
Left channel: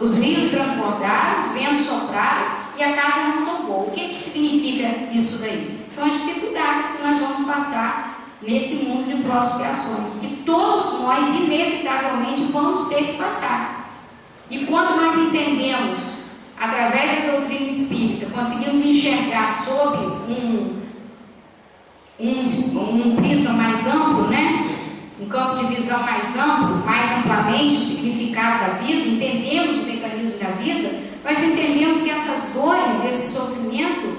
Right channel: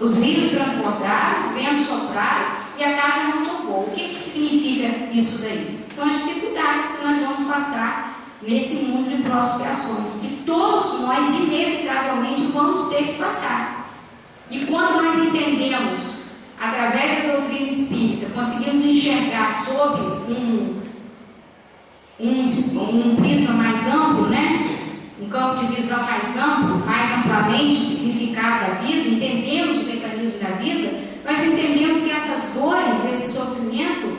os rios transbordaram, os ventos sopraram e a casa não tombou. O que significa isso daí? São as dificuldades que nós vamos passar nesse mundo de provas e expiações, que todos nós inevitavelmente vamos ter que passar. E quando nós entendemos, através da doutrina espírita, conseguimos enxergar sob um prisma mais amplo, né? Um campo de visão mais amplo, mais amplamente o significado da vida, entendemos o mecanismo da vida, nós entendemos que essas dores, esse sofrimento,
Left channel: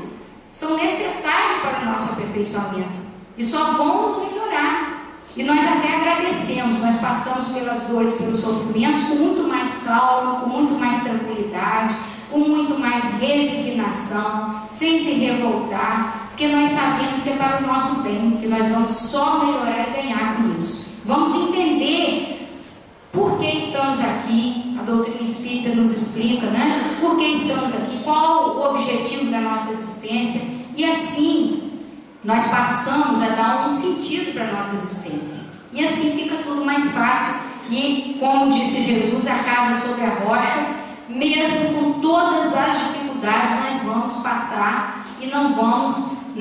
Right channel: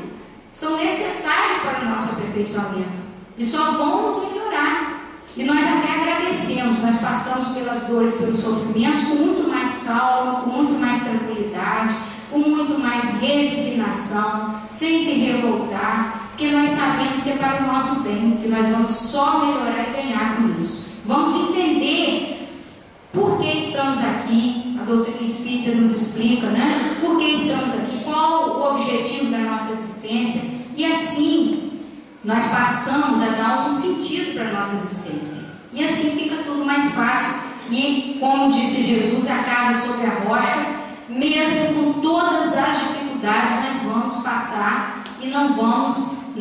são necessários para o nosso aperfeiçoamento e só vão nos melhorar. E nós até agradecemos, nós passamos pelas dores, pelos sofrimentos com muito mais calma, com muito mais tranquilidade, com muito mais resignação, sem se revoltar, porque nós sabemos que é para o nosso bem, que nós vamos só melhorar e ganhar com isso. Vamos entender por que estamos aqui, a doutrina espírita nos explica, né? Por que estamos aqui, qual o objetivo da nossa existência, e assim nós passamos a dar um sentido para a nossa existência. E assim fica tudo mais fácil. E como disse Jesus, a casa sobre a rocha, mesmo com todas as dificuldades, nós vamos passar e não vamos,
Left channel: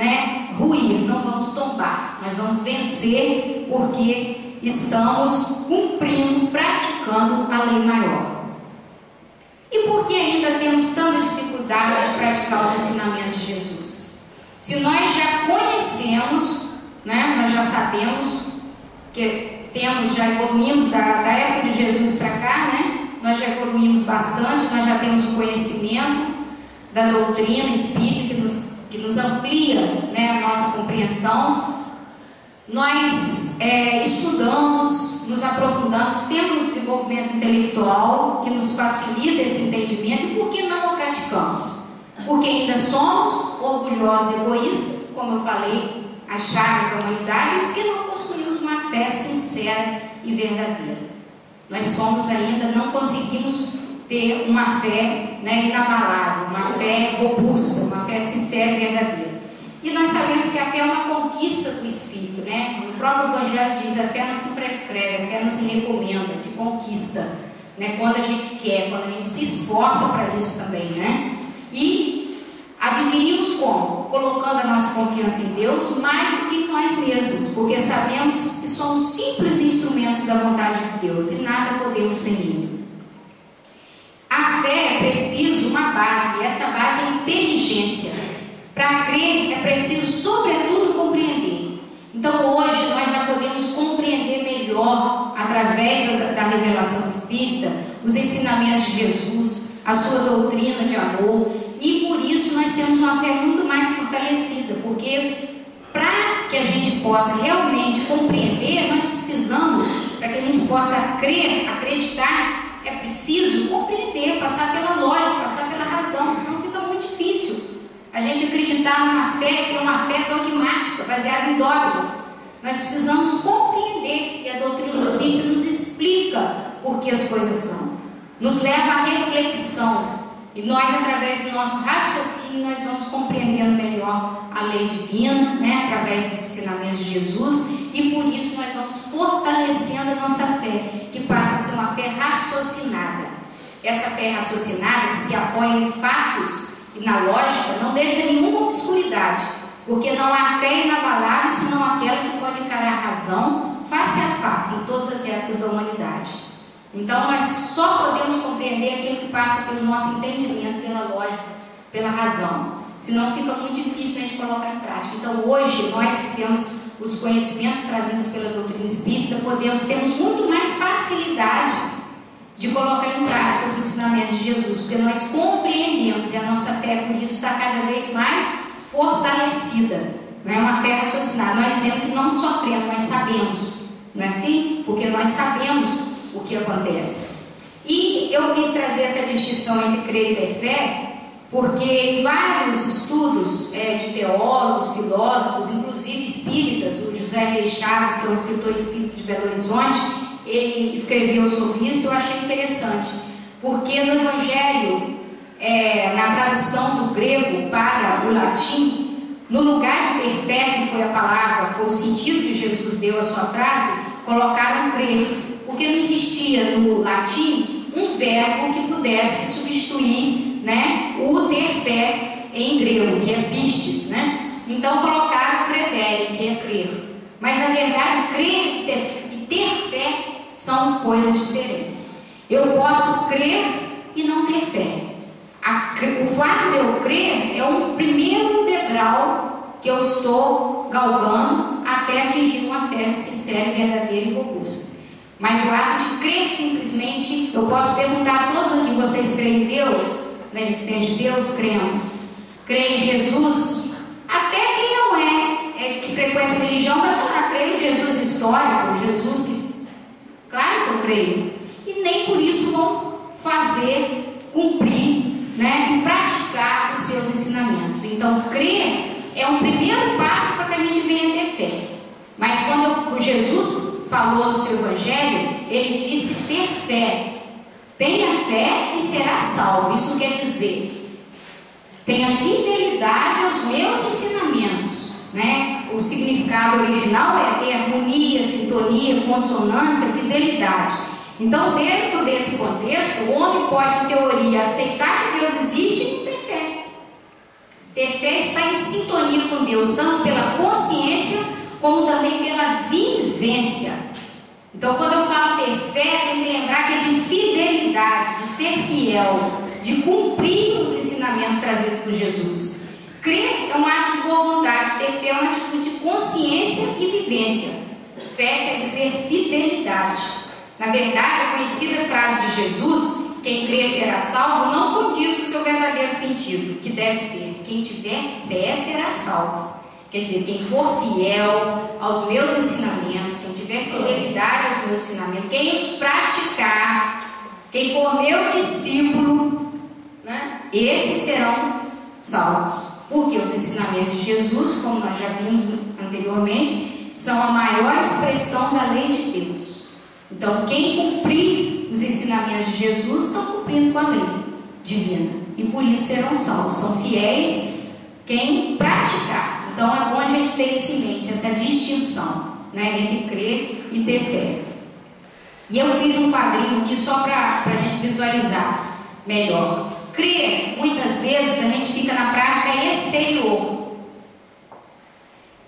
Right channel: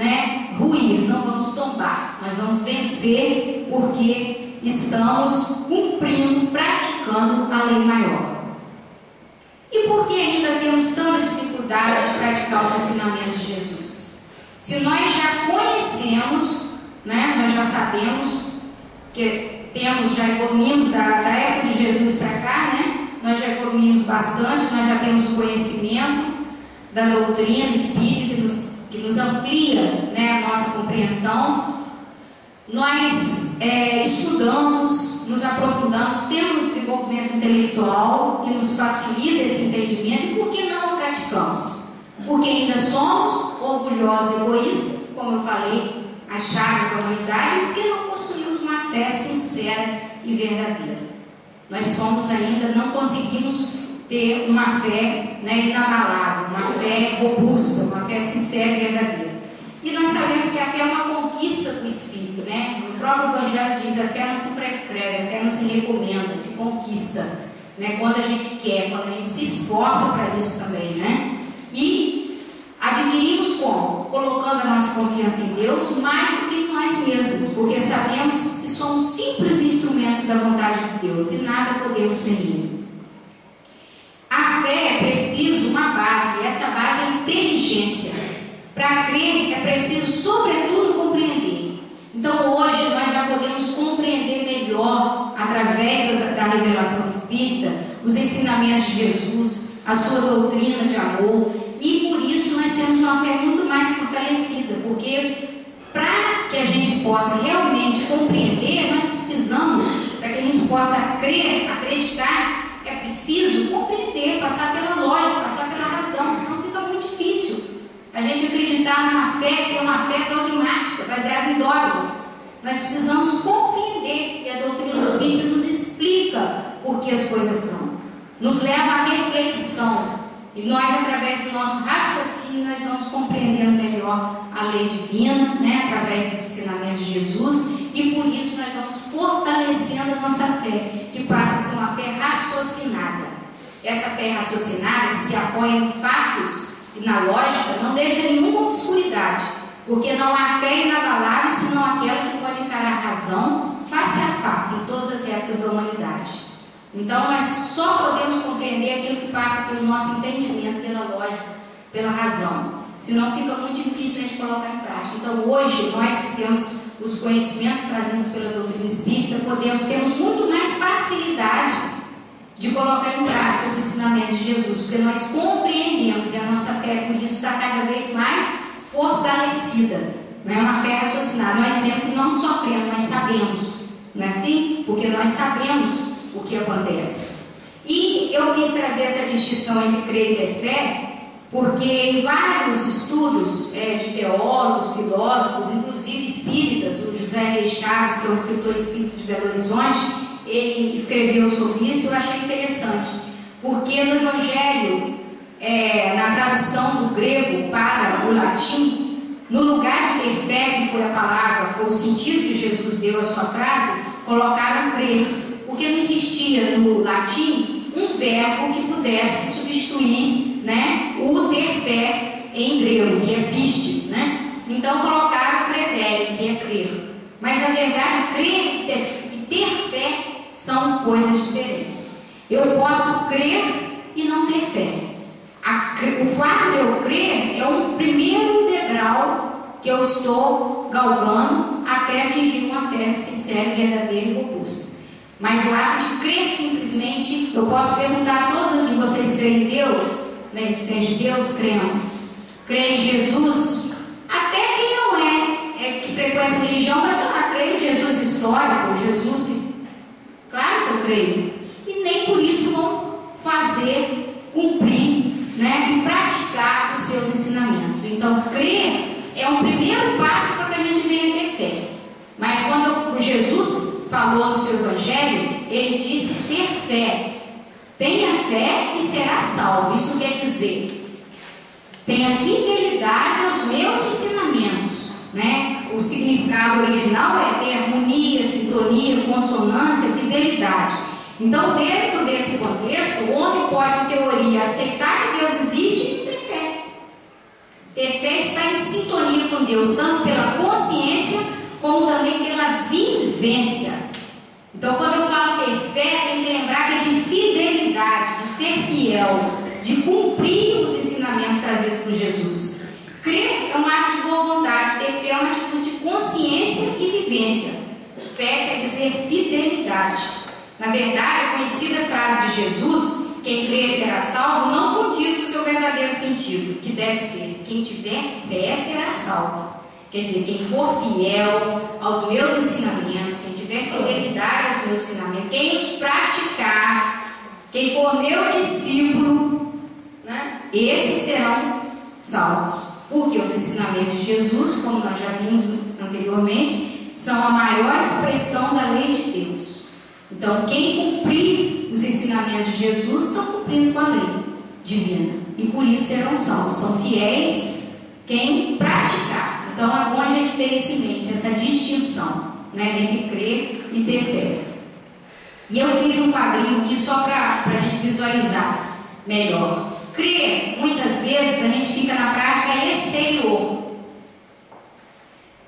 ruir, não vamos tombar. Nós vamos vencer porque estamos cumprindo, praticando a lei maior. E por que ainda temos tanta dificuldade de praticar os ensinamentos de Jesus? Se nós já conhecemos, nós já sabemos que já evoluímos da época de Jesus para cá, nós já evoluímos bastante, nós já temos o conhecimento da doutrina espírita que nos amplia, a nossa compreensão. Nós estudamos, nos aprofundamos, temos um desenvolvimento intelectual que nos facilita esse entendimento. E por que não o praticamos? Porque ainda somos orgulhosos e egoístas, como eu falei, as chagas da humanidade, porque não possuímos uma fé sincera e verdadeira. Nós não conseguimos ter uma fé inabalável, uma fé robusta, uma fé sincera e verdadeira. E nós sabemos que a fé é uma conquista do Espírito, O próprio Evangelho diz: a fé não se prescreve, a fé não se recomenda, se conquista, quando a gente quer, quando a gente se esforça para isso também, E adquirimos como? Colocando a nossa confiança em Deus mais do que em nós mesmos, porque sabemos que somos simples instrumentos da vontade de Deus e nada podemos sem Ele. A fé é preciso uma base, e essa base é inteligência. Para crer é preciso, sobretudo, compreender. Então, hoje, nós já podemos compreender melhor, através da revelação espírita, os ensinamentos de Jesus, a sua doutrina de amor, e por isso nós temos uma fé muito mais fortalecida, porque para que a gente possa realmente compreender, nós precisamos, para que a gente possa crer, acreditar, é preciso compreender, passar pela lógica, passar pela razão, senão fica muito difícil a gente acreditar numa fé que é uma fé dogmática, baseada em dogmas. Nós precisamos compreender, e a doutrina espírita nos explica por que as coisas são, nos leva à reflexão, e nós, através do nosso raciocínio, nós vamos compreendendo melhor a lei divina, através dos ensinamentos de Jesus, e por isso nós vamos fortalecendo a nossa fé, que passa a ser uma fé raciocinada. essa fé raciocinada, que se apoia em fatos e na lógica, não deixa nenhuma obscuridade, porque não há fé inabalável senão aquela que pode encarar a razão face a face em todas as épocas da humanidade. Então nós só podemos compreender aquilo que passa pelo nosso entendimento, pela lógica, pela razão, senão fica muito difícil a gente colocar em prática. Então hoje, nós que temos os conhecimentos trazidos pela doutrina espírita, temos muito mais facilidade de colocar em prática os ensinamentos de Jesus, porque nós compreendemos, e a nossa fé por isso está cada vez mais fortalecida. Não é uma fé raciocinada, nós dizemos que não sofremos, nós sabemos, não é assim? Porque nós sabemos o que acontece. E eu quis trazer essa distinção entre crer e ter fé, porque em vários estudos de teólogos, filósofos, inclusive espíritas, o José Reis Chaves, que é um escritor espírita de Belo Horizonte, ele escreveu sobre isso. Eu achei interessante, porque no Evangelho, na tradução do grego para o latim, no lugar de ter fé, que foi a palavra, foi o sentido que Jesus deu à sua frase, colocaram crer, porque não existia no latim um verbo que pudesse substituir, né, o ter fé em grego, que é pistes, né? Então colocaram credere, que é crer. Mas na verdade, crer e ter fé são coisas diferentes. Eu posso crer e não ter fé. O fato de eu crer é o primeiro degrau que eu estou galgando até atingir uma fé sincera, verdadeira e robusta. Mas o ato de crer simplesmente, eu posso perguntar a todos aqui: vocês creem em Deus? Na existência de Deus? Cremos. Creem em Jesus? Até quem não que frequenta a religião vai falar: creio em Jesus histórico, Jesus que... Claro que eu creio. E nem por isso vão fazer, cumprir, né, e praticar os seus ensinamentos. Então, crer é um primeiro passo para que a gente venha ter fé. Mas quando Jesus falou no seu Evangelho, ele disse ter fé. Tenha fé e será salvo. Isso quer dizer, tenha fidelidade aos meus ensinamentos, né? O significado original é ter harmonia, sintonia, consonância, fidelidade. Então, dentro desse contexto, o homem pode, em teoria, aceitar que Deus existe e ter fé. Ter fé está em sintonia com Deus, tanto pela consciência como também pela vivência. Então, quando eu falo ter fé, tem que lembrar que é de fidelidade, de ser fiel, de cumprir os ensinamentos trazidos por Jesus. Crer é um ato de boa vontade, ter fé é uma atitude de consciência e vivência. Fé quer dizer fidelidade. Na verdade, a conhecida frase de Jesus, quem crê será salvo, não condiz com o seu verdadeiro sentido, que deve ser: quem tiver fé será salvo. Quer dizer, quem for fiel aos meus ensinamentos, quem tiver fidelidade aos meus ensinamentos, quem os praticar, quem for meu discípulo, né, esses serão salvos. Porque os ensinamentos de Jesus, como nós já vimos anteriormente, são a maior expressão da lei de Deus. Então, quem cumprir os ensinamentos de Jesus estão cumprindo com a lei divina, e por isso serão salvos. São fiéis quem praticar. Então é bom a gente ter isso em mente, essa distinção, né, entre crer e ter fé. E eu fiz um quadrinho aqui só para a gente visualizar melhor. Crer, muitas vezes a gente fica na prática exterior.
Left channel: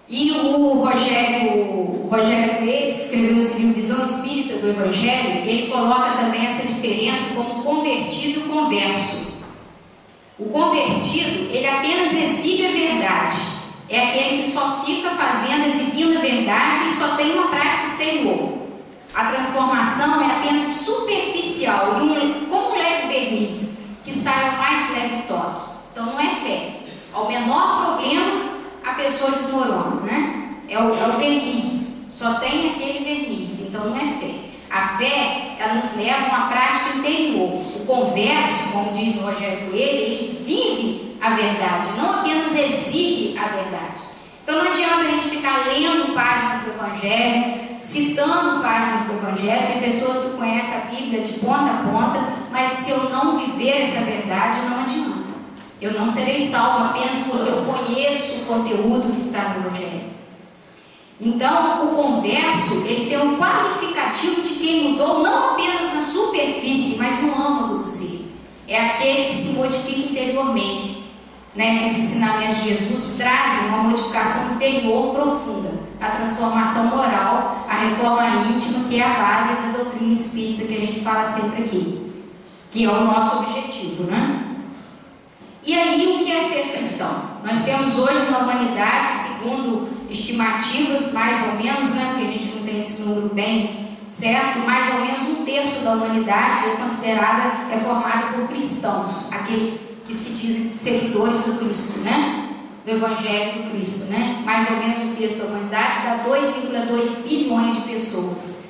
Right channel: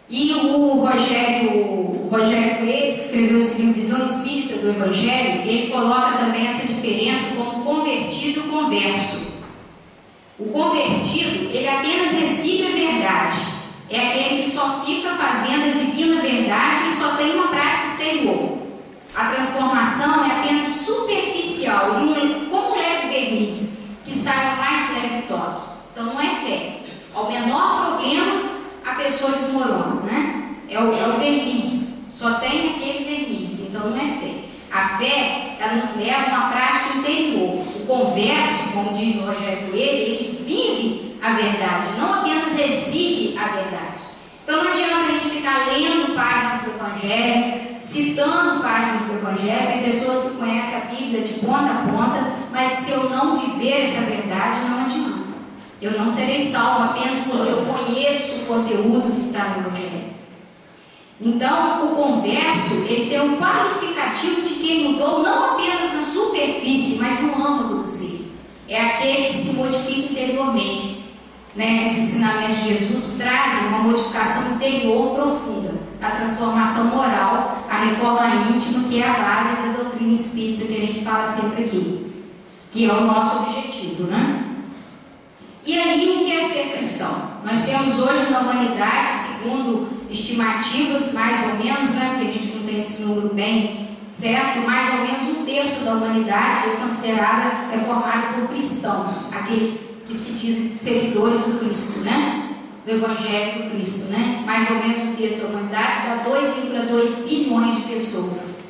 E o Rogério Coelho, que escreveu o livro Visão Espírita do Evangelho, ele coloca também essa diferença como convertido e converso. O convertido, ele apenas exibe a verdade. É aquele que só fica fazendo, exibindo a verdade e só tem uma prática exterior. A transformação é apenas superficial, como um leve verniz, que sai ao mais leve toque. Então não é fé. Ao menor problema, a pessoa desmorona, né? É o verniz, só tem aquele verniz, então não é fé. A fé, ela nos leva a uma prática interior. O converso, como diz o Rogério Coelho, ele vive a verdade, não apenas exibe a verdade. Então não adianta a gente ficar lendo páginas do Evangelho, citando páginas do Evangelho. Tem pessoas que conhecem a Bíblia de ponta a ponta, mas se eu não viver essa verdade, não adianta. Eu não serei salvo apenas porque eu conheço o conteúdo que está no Evangelho. Então, o converso, ele tem um qualificativo de quem mudou não apenas na superfície, mas no âmago do ser. É aquele que se modifica interiormente. Né? Os ensinamentos de Jesus trazem uma modificação interior profunda, a transformação moral, a reforma íntima, que é a base da doutrina espírita que a gente fala sempre aqui, que é o nosso objetivo, né? E aí, o que é ser cristão? Nós temos hoje uma humanidade, segundo estimativas, mais ou menos, né, porque a gente não tem esse número bem certo, mais ou menos 1/3 da humanidade é formada por cristãos, aqueles que se dizem seguidores do Cristo, né? Do Evangelho do Cristo, né? Mais ou menos 1/3 da humanidade dá 2,2 bilhões de pessoas.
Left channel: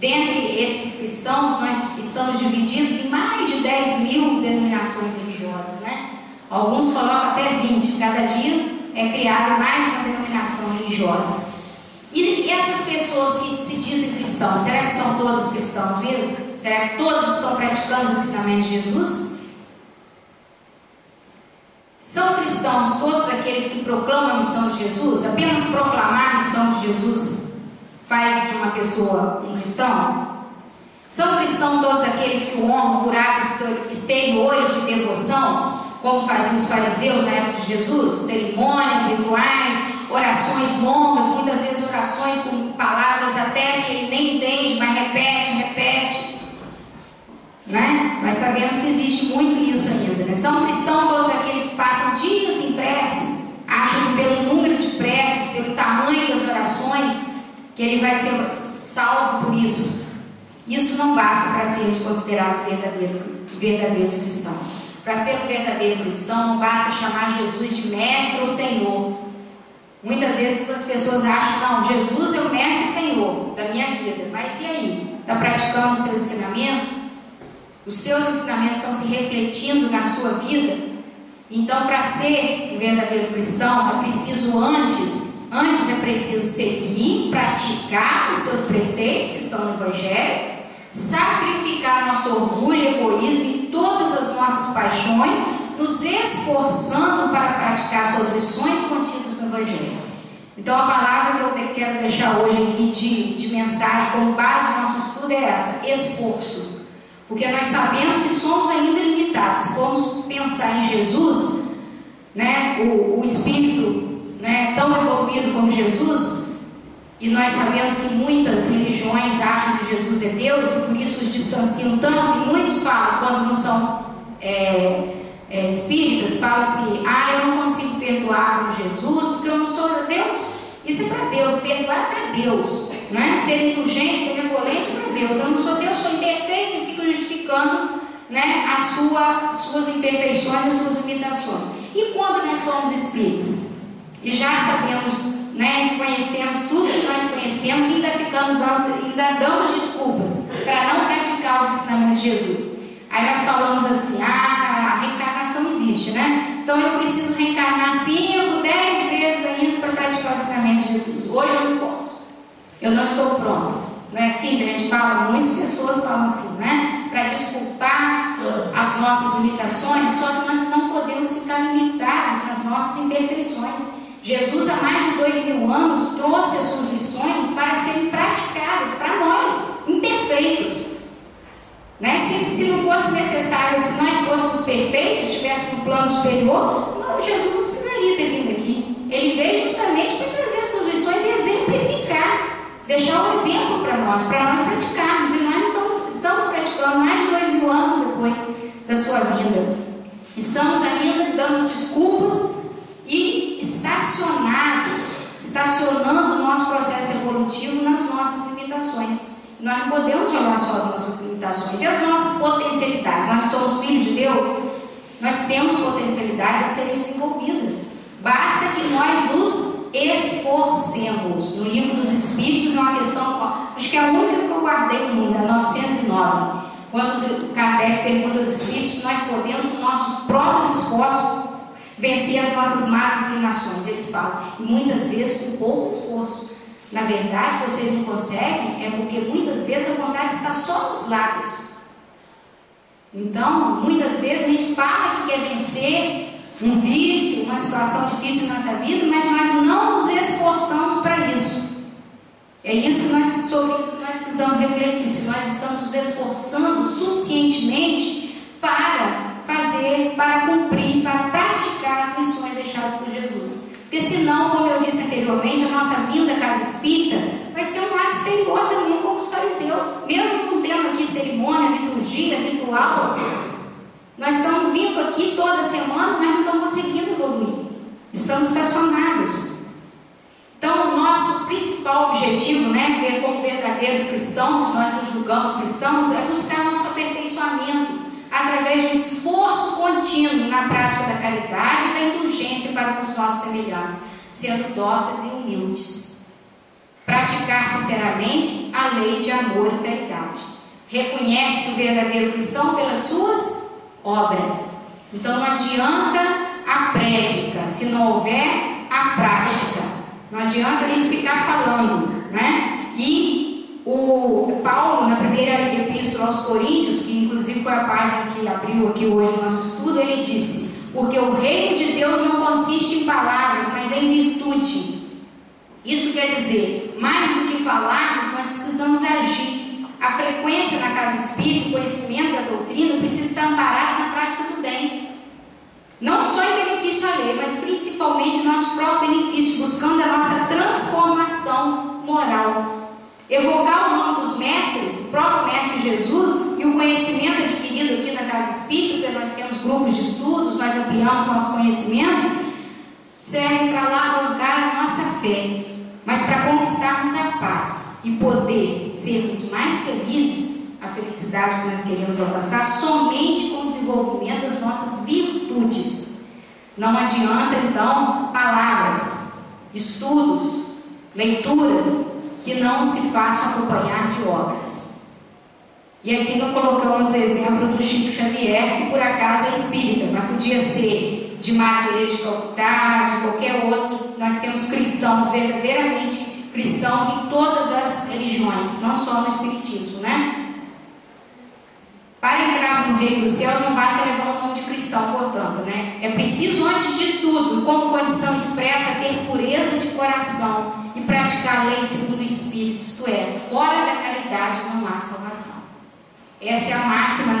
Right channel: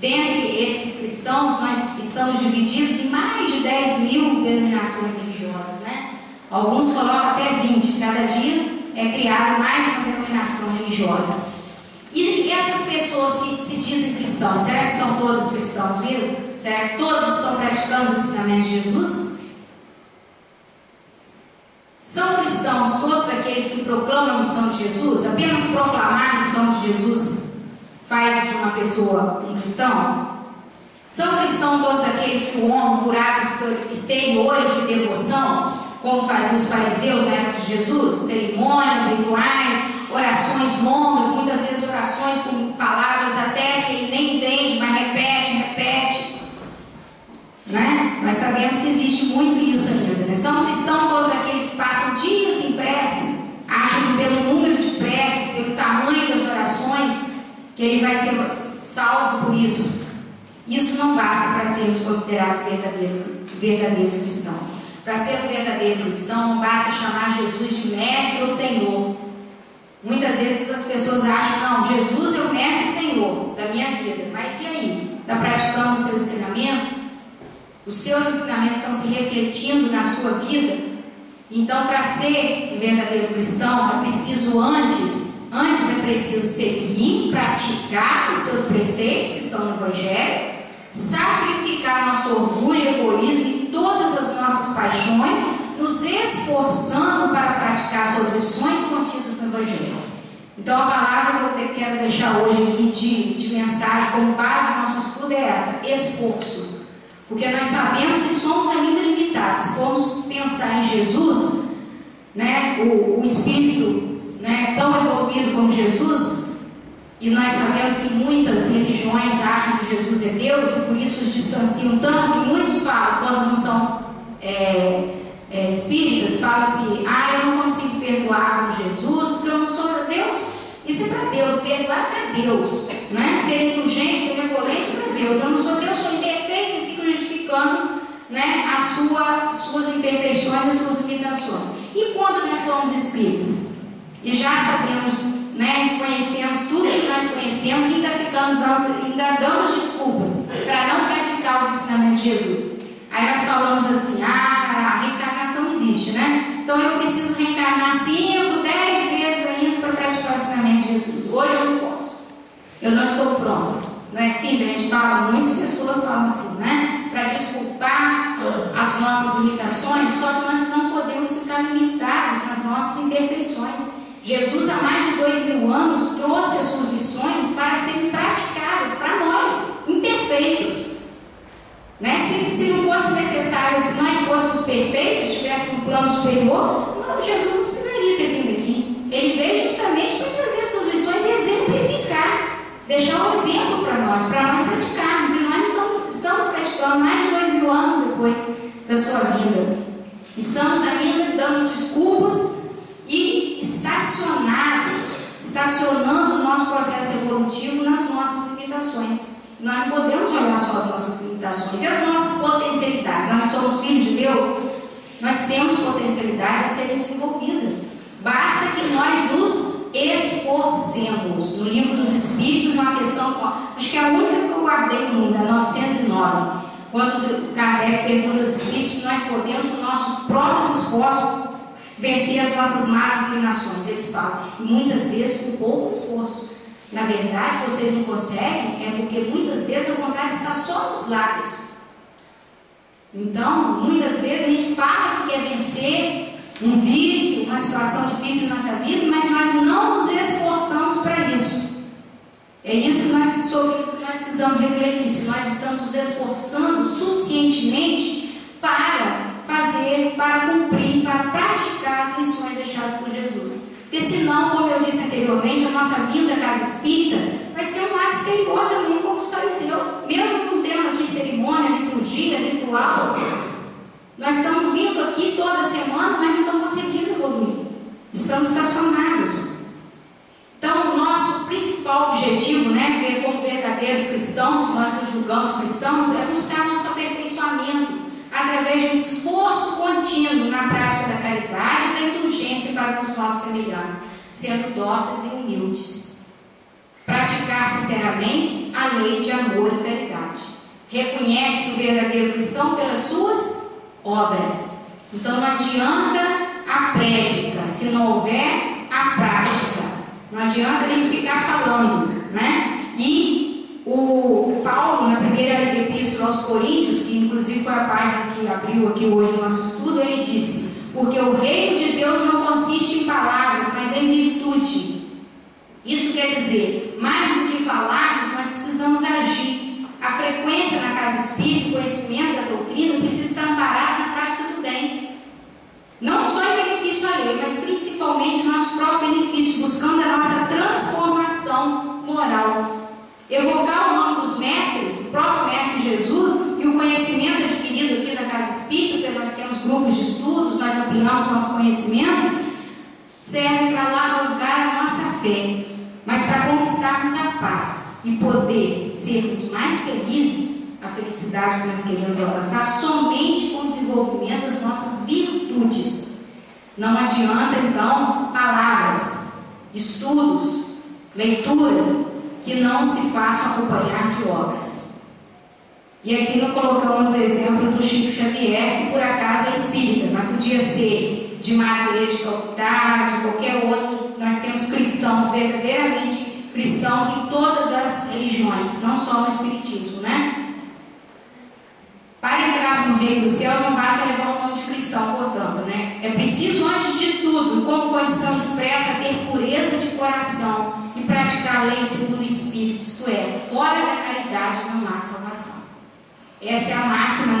Dentre esses cristãos, nós estamos divididos em mais de 10.000 denominações religiosas, né? Alguns colocam até 20. Cada dia é criada mais uma denominação religiosa. E essas pessoas que se dizem cristãos, será que são todos cristãos mesmo? Será que todos estão praticando os ensinamentos de Jesus? São cristãos todos aqueles que proclamam a missão de Jesus? Apenas proclamar a missão de Jesus faz de uma pessoa um cristão? São cristãos todos aqueles que honram por atos exteriores de devoção, como faziam os fariseus na época de Jesus? Cerimônias, rituais, orações longas, muitas vezes orações com palavras até que ele nem entende, mas repete. Né? Nós sabemos que existe muito isso ainda. Né? São cristãos todos aqueles que passam dias em prece, acham que pelo número de preces, pelo tamanho das orações, que ele vai ser salvo por isso. Isso não basta para sermos considerados verdadeiros cristãos. Para ser um verdadeiro cristão, não basta chamar Jesus de mestre ou senhor. Muitas vezes as pessoas acham, não, Jesus é o mestre e senhor da minha vida. Mas e aí? Está praticando os seus ensinamentos? Os seus ensinamentos estão se refletindo na sua vida? Então, para ser um verdadeiro cristão, é preciso antes é preciso seguir, praticar os seus preceitos que estão no Evangelho, sacrificar nosso orgulho, egoísmo e todas as nossas paixões, nos esforçando para praticar suas lições contidas no Evangelho. Então, a palavra que eu quero deixar hoje aqui de mensagem como base do nosso estudo é essa: esforço. Porque nós sabemos que somos ainda limitados. Se formos pensar em Jesus, né, o Espírito, né, tão evoluído como Jesus, e nós sabemos que muitas religiões acham que Jesus é Deus e por isso os distanciam tanto, e muitos falam, quando não são espíritas, falam assim: eu não consigo perdoar com Jesus porque eu não sou Deus. Isso é para Deus, perdoar é para Deus, né? Ser indulgente, benevolente é para Deus. Eu não sou Deus, sou imperfeito e fico justificando, né, as suas imperfeições, as suas limitações. E quando nós somos espíritas e já sabemos, né, conhecemos tudo que nós conhecemos e ainda damos desculpas para não praticar os ensinamentos de Jesus. Aí nós falamos assim: a reencarnação não existe, né? Então eu preciso reencarnar 5, 10 vezes ainda para praticar o ensinamento de Jesus. Hoje eu não posso, eu não estou pronto. Não é assim que a gente fala? Muitas pessoas falam assim, né? Para desculpar as nossas limitações, só que nós não podemos ficar limitados nas nossas imperfeições. Jesus, há mais de 2.000 anos, trouxe as suas lições para serem praticadas para nós, imperfeitos. Né? Se não fosse necessário, se nós fôssemos perfeitos, tivéssemos um plano superior, não, Jesus não precisaria ter vindo aqui. Ele veio justamente para trazer as suas lições e exemplificar, deixar um exemplo para nós praticarmos. E nós não estamos praticando mais de 2.000 anos depois da sua vida. Estamos ainda dando desculpas e estacionando o nosso processo evolutivo nas nossas limitações. Nós não podemos olhar só as nossas limitações e as nossas potencialidades. Nós somos filhos de Deus, nós temos potencialidades a serem desenvolvidas. Basta que nós nos esforcemos. No Livro dos Espíritos é uma questão, acho que é a única que eu guardei no mundo, a 909. Quando Kardec pergunta aos Espíritos se nós podemos, com nossos próprios esforços, vencer as nossas más inclinações. Eles falam, e muitas vezes com pouco esforço. Na verdade, vocês não conseguem, é porque muitas vezes a vontade está só nos lábios. Então, muitas vezes a gente fala que quer vencer um vício, uma situação difícil na nossa vida, mas nós não nos esforçamos para isso. sobre isso que nós precisamos refletir, se nós estamos nos esforçando suficientemente para fazer, para cumprir, para praticar as lições deixadas por Jesus. Porque senão, como eu disse anteriormente, a nossa vinda à casa espírita vai ser um ato exterior também, como os fariseus. Mesmo não tendo aqui cerimônia, liturgia, ritual, nós estamos vindo aqui toda semana, mas não estamos conseguindo evoluir. Estamos estacionados. Então, o nosso principal objetivo, ver como verdadeiros cristãos, se nós nos julgamos cristãos, é buscar nosso aperfeiçoamento através de um esforço contínuo na prática da caridade e da indulgência para com os nossos semelhantes, sendo dóceis e humildes. Praticar sinceramente a lei de amor e caridade. Reconhece o verdadeiro cristão pelas suas obras. Então, não adianta a prédica se não houver a prática. Não adianta a gente ficar falando, E o Paulo, na primeira epístola aos Coríntios, que inclusive foi a página que abriu aqui hoje o nosso estudo, ele disse: porque o reino de Deus não consiste em palavras, mas em virtude. Isso quer dizer, mais do que falarmos, nós precisamos agir. A frequência na casa espírita, o conhecimento da doutrina, precisa estar amparado na prática do bem. Não só em benefício alheio, mas principalmente nosso próprio benefício, buscando a nossa transformação moral. Evocar o nome dos mestres, o próprio Mestre Jesus, e o conhecimento adquirido aqui na casa espírita, porque nós temos grupos de estudos, nós ampliamos nosso conhecimento, serve para alavancar a nossa fé, mas para conquistarmos a paz e poder sermos mais felizes, a felicidade que nós queremos alcançar, somente com o desenvolvimento das nossas virtudes. Não adianta, então, palavras, estudos, leituras, que não se façam acompanhar de obras. E aqui nós colocamos o exemplo do Chico Xavier, que por acaso é espírita, mas podia ser de Madre Teresa de Calcutá, de qualquer outro. Nós temos cristãos, verdadeiramente cristãos em todas as religiões, não só no espiritismo, Para entrarmos no reino dos céus não basta levar o nome de cristão, portanto, É preciso, antes de tudo, como condição expressa, ter pureza de coração e praticar a lei segundo o Espírito, isto é, fora da caridade não há salvação. Essa é a máxima,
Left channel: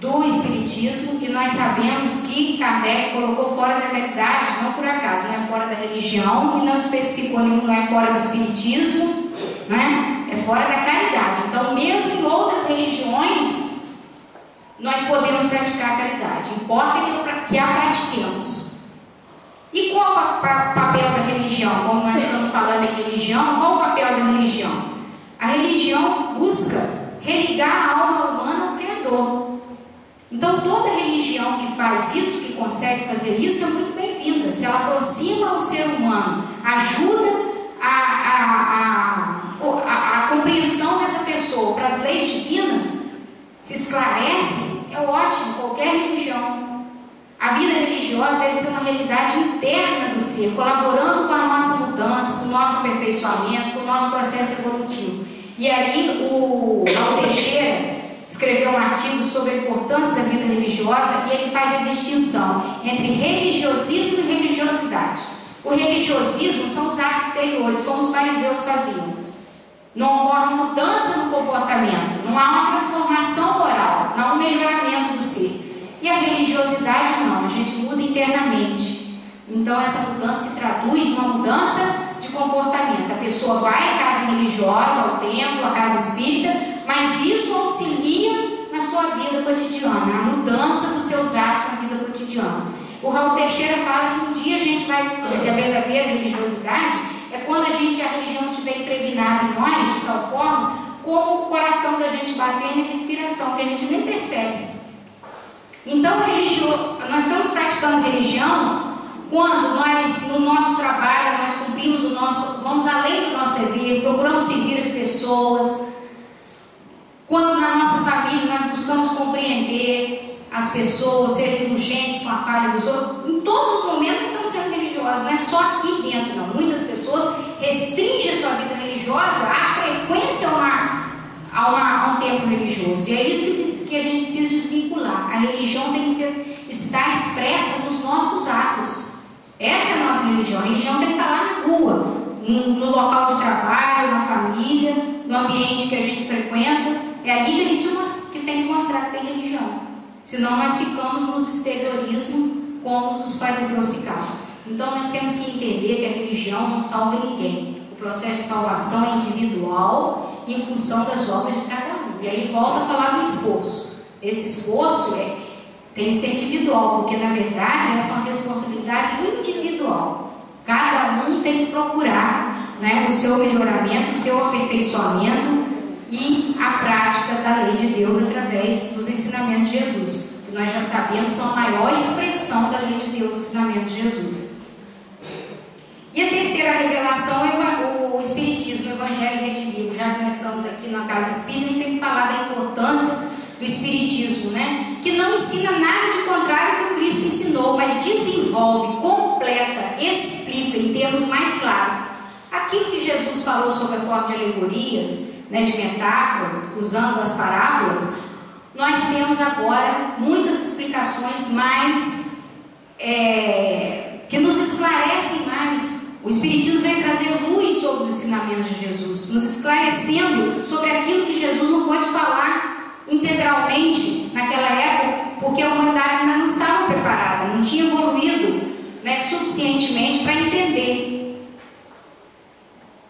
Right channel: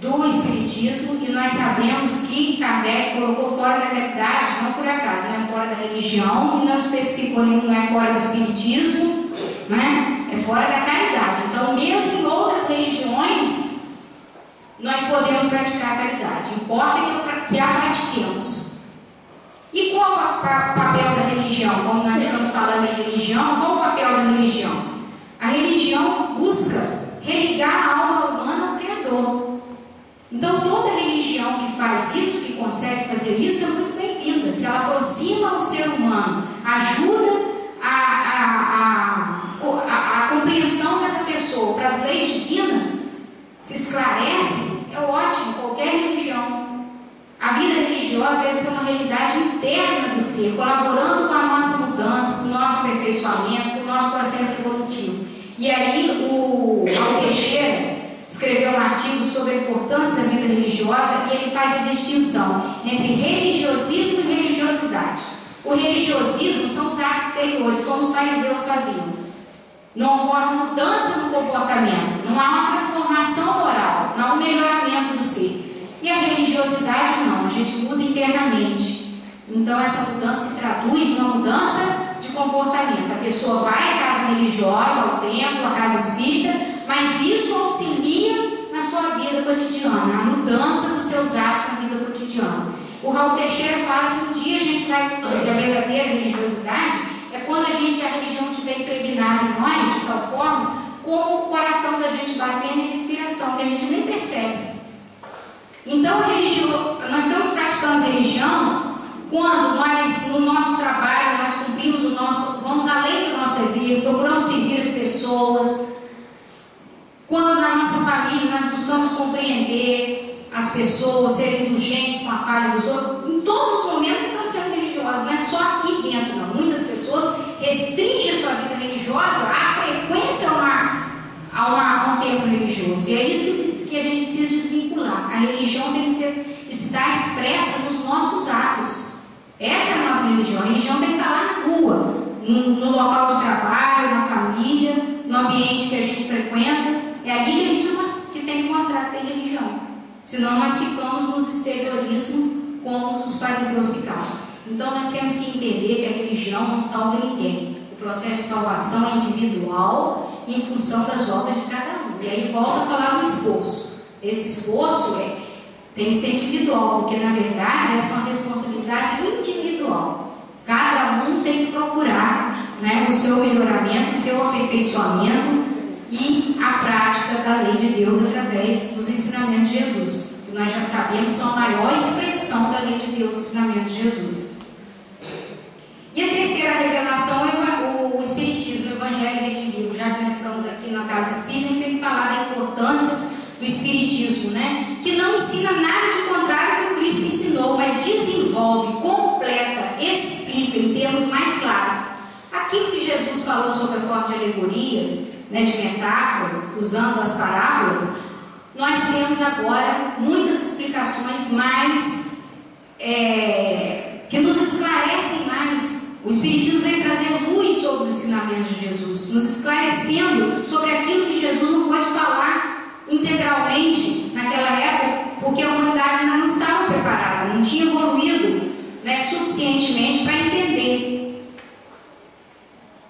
do Espiritismo, e nós sabemos que Kardec colocou fora da caridade, não por acaso, não é fora da religião, e não especificou, não é fora do Espiritismo, é fora da caridade. Então, mesmo em outras religiões, nós podemos praticar a caridade, importa que a pratiquemos. E qual o papel da religião? Como nós estamos falando em religião, qual o papel da religião? A religião busca religar a alma humana ao Criador. Então, toda religião que faz isso, que consegue fazer isso, é muito bem-vinda. Se ela aproxima o ser humano, ajuda a compreensão dessa pessoa para as leis divinas, se esclarece, é ótimo, qualquer religião. A vida religiosa deve ser uma realidade interna do ser, colaborando com a nossa mudança, com o nosso aperfeiçoamento, com o nosso processo evolutivo. E aí o Raul Teixeira escreveu um artigo sobre a importância da vida religiosa, e ele faz a distinção entre religiosismo e religiosidade. O religiosismo são os atos exteriores, como os fariseus faziam. Não ocorre mudança no comportamento, não há uma transformação moral, não há um melhoramento do ser. E a religiosidade não, a gente muda internamente. Então essa mudança se traduz numa mudança de comportamento. A pessoa vai à casa religiosa, ao templo, à casa espírita, mas isso auxilia na sua vida cotidiana, a mudança dos seus atos na vida cotidiana. O Raul Teixeira fala que um dia a gente vai, a verdadeira religiosidade é quando a religião estiver impregnada em nós, de tal forma, como o coração da gente batendo e a respiração, que a gente nem percebe. Então, nós estamos praticando religião quando nós, no nosso trabalho, nós cumprimos vamos além do nosso dever, procuramos seguir as pessoas. Quando na nossa família nós buscamos compreender as pessoas, ser indulgentes com a falha dos outros, em todos os momentos estamos sendo religiosos, não é só aqui dentro, não. Muitas pessoas restringem a sua vida religiosa à frequência a um tempo religioso, e é isso que a gente precisa desvincular. A religião tem que estar expressa nos nossos atos. Essa é a nossa religião. A religião tem que estar lá na rua, no local de trabalho, na família. ambiente que a gente frequenta, é ali que a gente tem que mostrar que tem religião. Senão nós ficamos nos exteriorismos como os fariseus ficavam. Então nós temos que entender que a religião não salva ninguém. O processo de salvação é individual em função das obras de cada um. E aí volta a falar do esforço. Esse esforço tem que ser individual, porque na verdade essa é uma responsabilidade individual. Cada um tem que procurar, né, o seu melhoramento, o seu aperfeiçoamento e a prática da lei de Deus através dos ensinamentos de Jesus, que nós já sabemos são a maior expressão da lei de Deus, os ensinamentos de Jesus. E a terceira revelação é o Espiritismo, o Evangelho Redivivo. Já que nós estamos aqui na Casa Espírita, a gente tem que falar da importância do Espiritismo, né? Que não ensina nada de contrário que o Cristo ensinou, mas desenvolve, completa, explica em termos mais claros aquilo que Jesus falou sobre a forma de alegorias, né, de metáforas, usando as parábolas. Nós temos agora muitas explicações mais que nos esclarecem mais. O Espiritismo vem trazer luz sobre os ensinamentos de Jesus, nos esclarecendo sobre aquilo que Jesus não pôde falar integralmente naquela época, porque a humanidade ainda não estava preparada, não tinha evoluído, né, suficientemente para entender.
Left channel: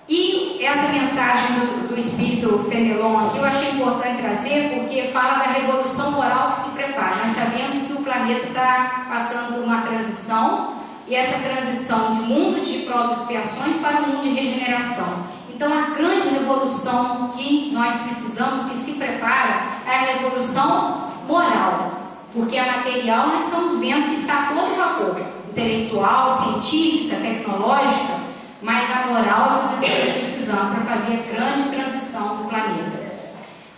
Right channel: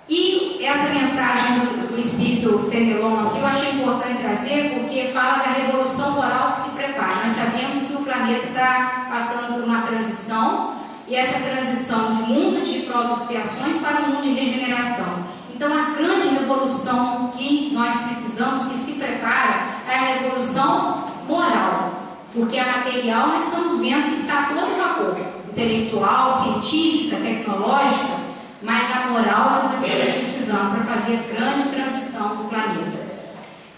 E essa mensagem do Espírito Fenelon aqui eu achei importante trazer, porque fala da revolução moral que se prepara. Nós sabemos que o planeta está passando por uma transição, e essa transição de mundo de provas e expiações para um mundo de regeneração. Então a grande revolução que nós precisamos, que se prepara, é a revolução moral, porque a material nós estamos vendo que está todo vapor, intelectual, científica, tecnológica, mas a moral é o que nós estamos precisando para fazer a grande transição do planeta.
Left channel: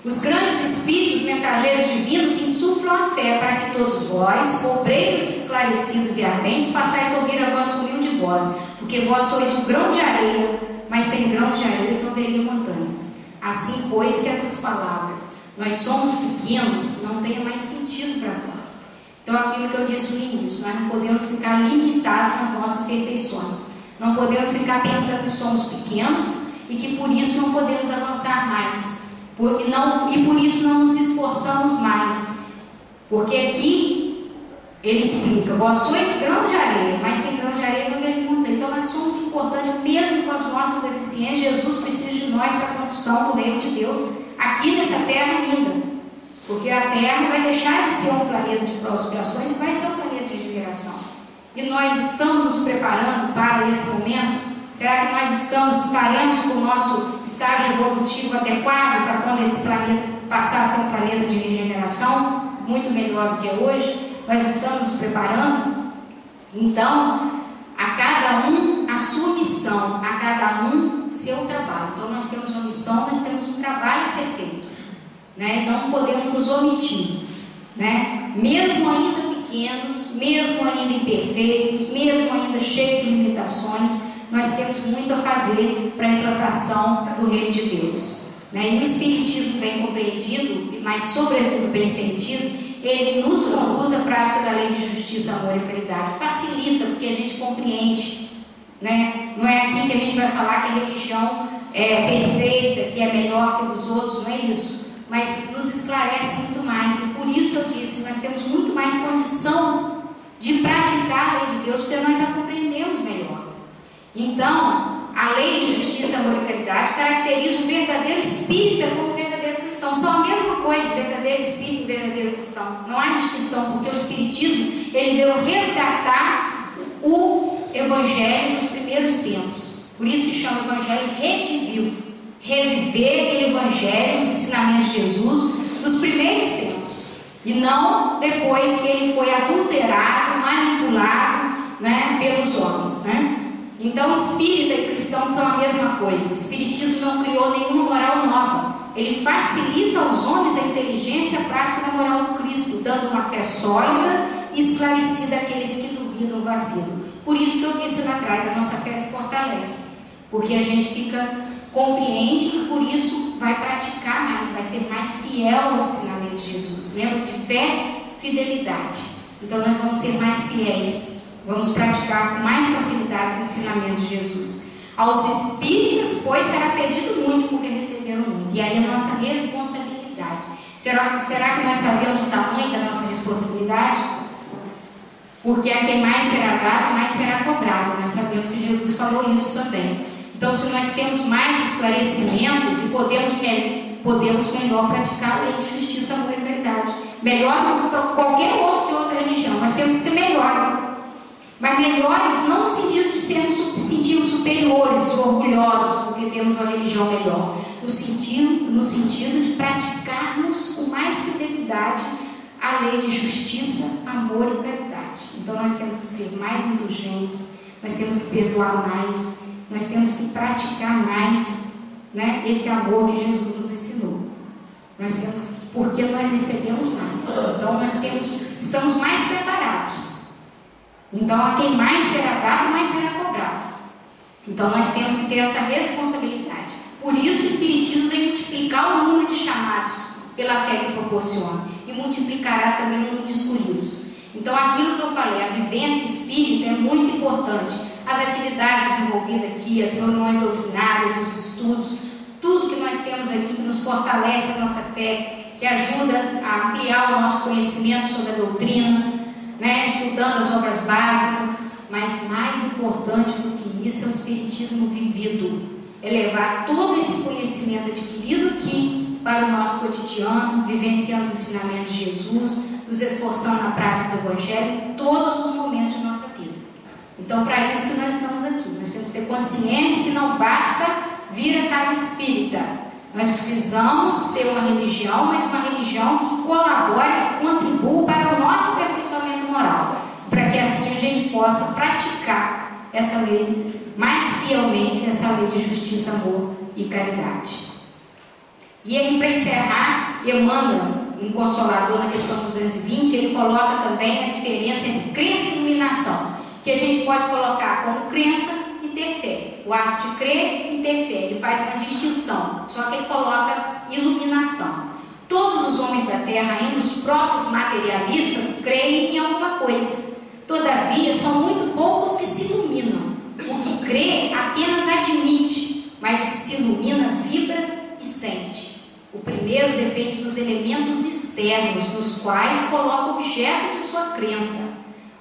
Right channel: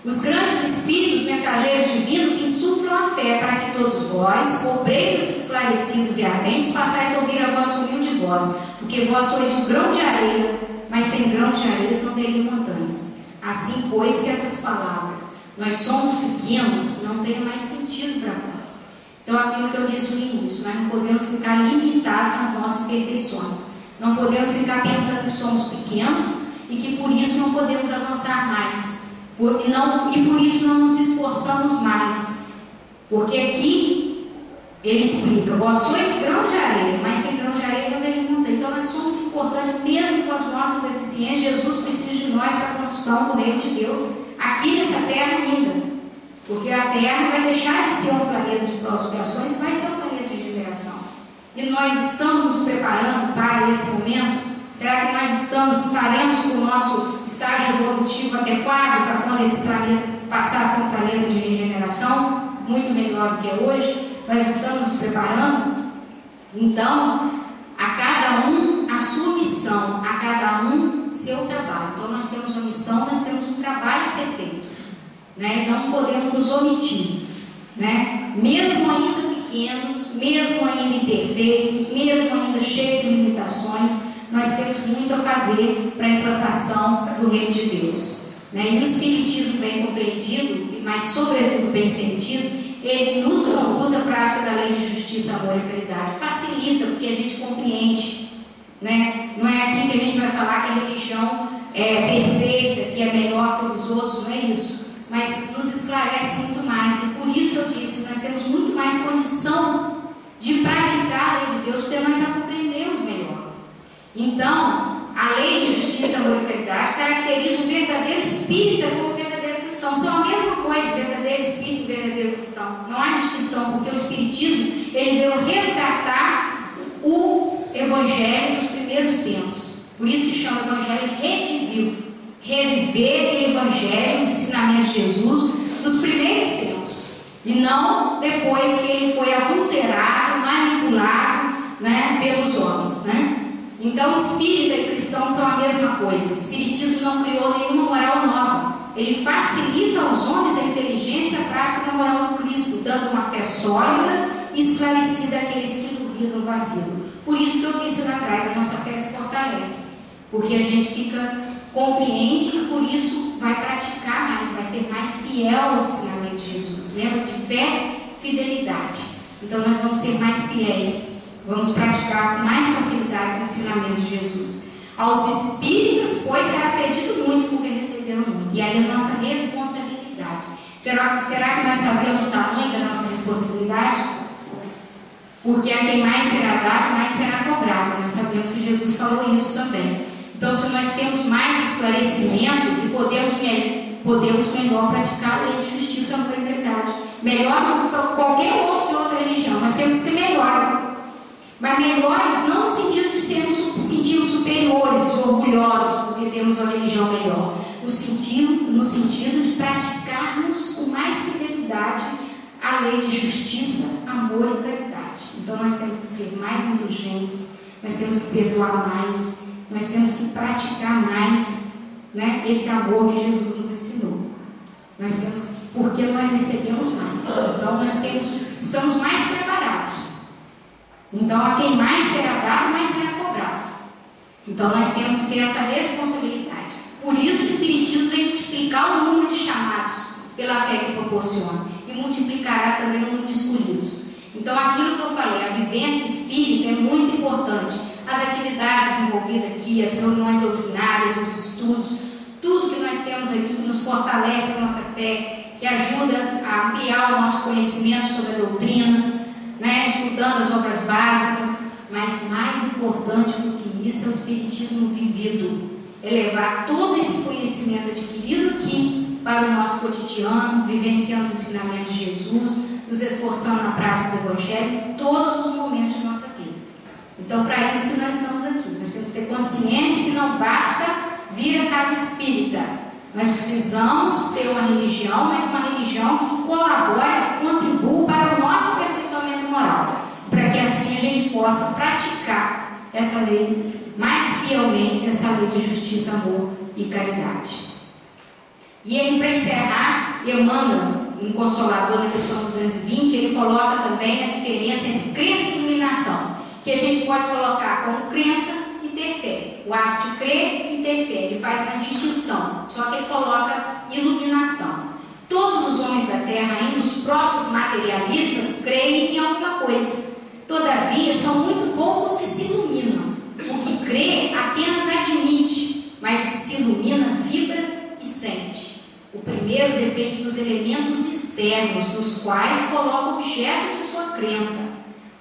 Os grandes espíritos mensageiros divinos insuflam a fé para que todos vós, obreiros esclarecidos e ardentes, passais a ouvir a vossa humilde voz, porque vós sois um grão de areia, mas sem grão de areia não veriam montanhas. Assim, pois, que essas palavras, nós somos pequenos, não tem mais sentido para nós. Então, aquilo que eu disse no início, nós não podemos ficar limitados nas nossas perfeições. Não podemos ficar pensando que somos pequenos e que por isso não podemos avançar mais. E por isso não nos esforçamos mais. Porque aqui ele explica: vós sois grão de areia, mas sem grão de areia não veio montanha. Então nós somos importantes, mesmo com as nossas deficiências. Jesus precisa de nós para a construção do reino de Deus aqui nessa terra ainda. Porque a terra vai deixar de ser um planeta de provas e expiações e vai ser um planeta de regeneração. E nós estamos nos preparando para esse momento? Será que nós estaremos com o nosso estágio evolutivo adequado para quando esse planeta passar a ser um planeta de regeneração, muito melhor do que é hoje? Nós estamos nos preparando? Então, a cada um a sua missão, a cada um seu trabalho. Então, nós temos uma missão, nós temos um trabalho a ser feito, né? Não podemos nos omitir, né? Mesmo ainda pequenos, mesmo ainda imperfeitos, mesmo ainda cheios de limitações, nós temos muito a fazer para a implantação do reino de Deus, né? E o Espiritismo bem compreendido, mas sobretudo bem sentido, ele nos conduz à prática da lei de justiça, amor e caridade. Facilita, porque a gente compreende, né? Não é aqui que a gente vai falar que a religião é perfeita, que é melhor que os outros, não é isso. Mas nos esclarece muito mais. E por isso eu disse, nós temos muito mais condição de praticar a lei de Deus, porque nós a compreendemos melhor. Então, a lei de justiça, amor e caridade caracteriza o verdadeiro espírita como o verdadeiro cristão. São a mesma coisa, verdadeiro espírito e verdadeiro cristão. Não há distinção, porque o Espiritismo ele veio resgatar o Evangelho dos primeiros tempos. Por isso que chama o Evangelho redivivo. Reviver aquele Evangelho, os ensinamentos de Jesus nos primeiros tempos. E não depois que ele foi adulterado, manipulado, né, pelos homens, né? Então, espírita e cristão são a mesma coisa. O Espiritismo não criou nenhuma moral nova. Ele facilita aos homens a inteligência e a prática da moral do Cristo, dando uma fé sólida e esclarecida àqueles que duvidam do vacilo. Por isso que eu disse lá atrás, a nossa fé se fortalece. Porque a gente compreende e por isso vai praticar mais, vai ser mais fiel aos ensinamentos de Jesus. Lembra de fé, fidelidade. Então nós vamos ser mais fiéis. Vamos praticar com mais facilidade os ensinamentos de Jesus. Aos espíritas, pois, será pedido muito, porque receberam receberam muito. E aí a nossa responsabilidade. Será que nós sabemos o tamanho da nossa responsabilidade? Porque a quem mais será dado, mais será cobrado. Nós sabemos que Jesus falou isso também. Então, se nós temos mais esclarecimentos e podemos melhor praticar a lei de justiça, amor e caridade, melhor do que qualquer outro de outra religião, nós temos que ser melhores. Mas melhores não no sentido de sentirmos superiores, orgulhosos, porque temos uma religião melhor, no sentido de praticarmos com mais fidelidade a lei de justiça, amor e caridade. Então nós temos que ser mais indulgentes, nós temos que perdoar mais, nós temos que praticar mais, né, esse amor que Jesus nos ensinou. Porque nós recebemos mais. Então nós estamos mais preparados. Então a quem mais será dado, mais será cobrado. Então nós temos que ter essa responsabilidade. Por isso o Espiritismo vem multiplicar o número de chamados pela fé que proporciona, e multiplicará também o número de escolhidos. Então aquilo que eu falei, a vivência espírita é muito importante. As atividades desenvolvidas aqui, as reuniões doutrinárias, os estudos, tudo que nós temos aqui que nos fortalece a nossa fé, que ajuda a ampliar o nosso conhecimento sobre a doutrina, né, estudando as obras básicas. Mas mais importante do que isso é o Espiritismo vivido, é levar todo esse conhecimento adquirido aqui para o nosso cotidiano, vivenciando os ensinamentos de Jesus, nos esforçando na prática do Evangelho em todos os momentos de nossa vida. Então, para isso que nós estamos aqui, nós temos que ter consciência que não basta vir à casa espírita. Nós precisamos ter uma religião, mas uma religião que colabore, que contribua para o nosso aperfeiçoamento moral, para que assim a gente possa praticar essa lei mais fielmente, essa lei de justiça, amor e caridade. E aí, para encerrar, Emmanuel, um Consolador, na questão 220, ele coloca também a diferença entre crença e iluminação, que a gente pode colocar como crença e ter fé. O ato de crer e ter fé, ele faz uma distinção, só que ele coloca iluminação. Todos os homens da Terra, ainda os próprios materialistas, creem em alguma coisa. Todavia, são muito poucos que se iluminam. O que crê apenas admite, mas o que se ilumina vibra e sente. O primeiro depende dos elementos externos, nos quais coloca o objeto de sua crença.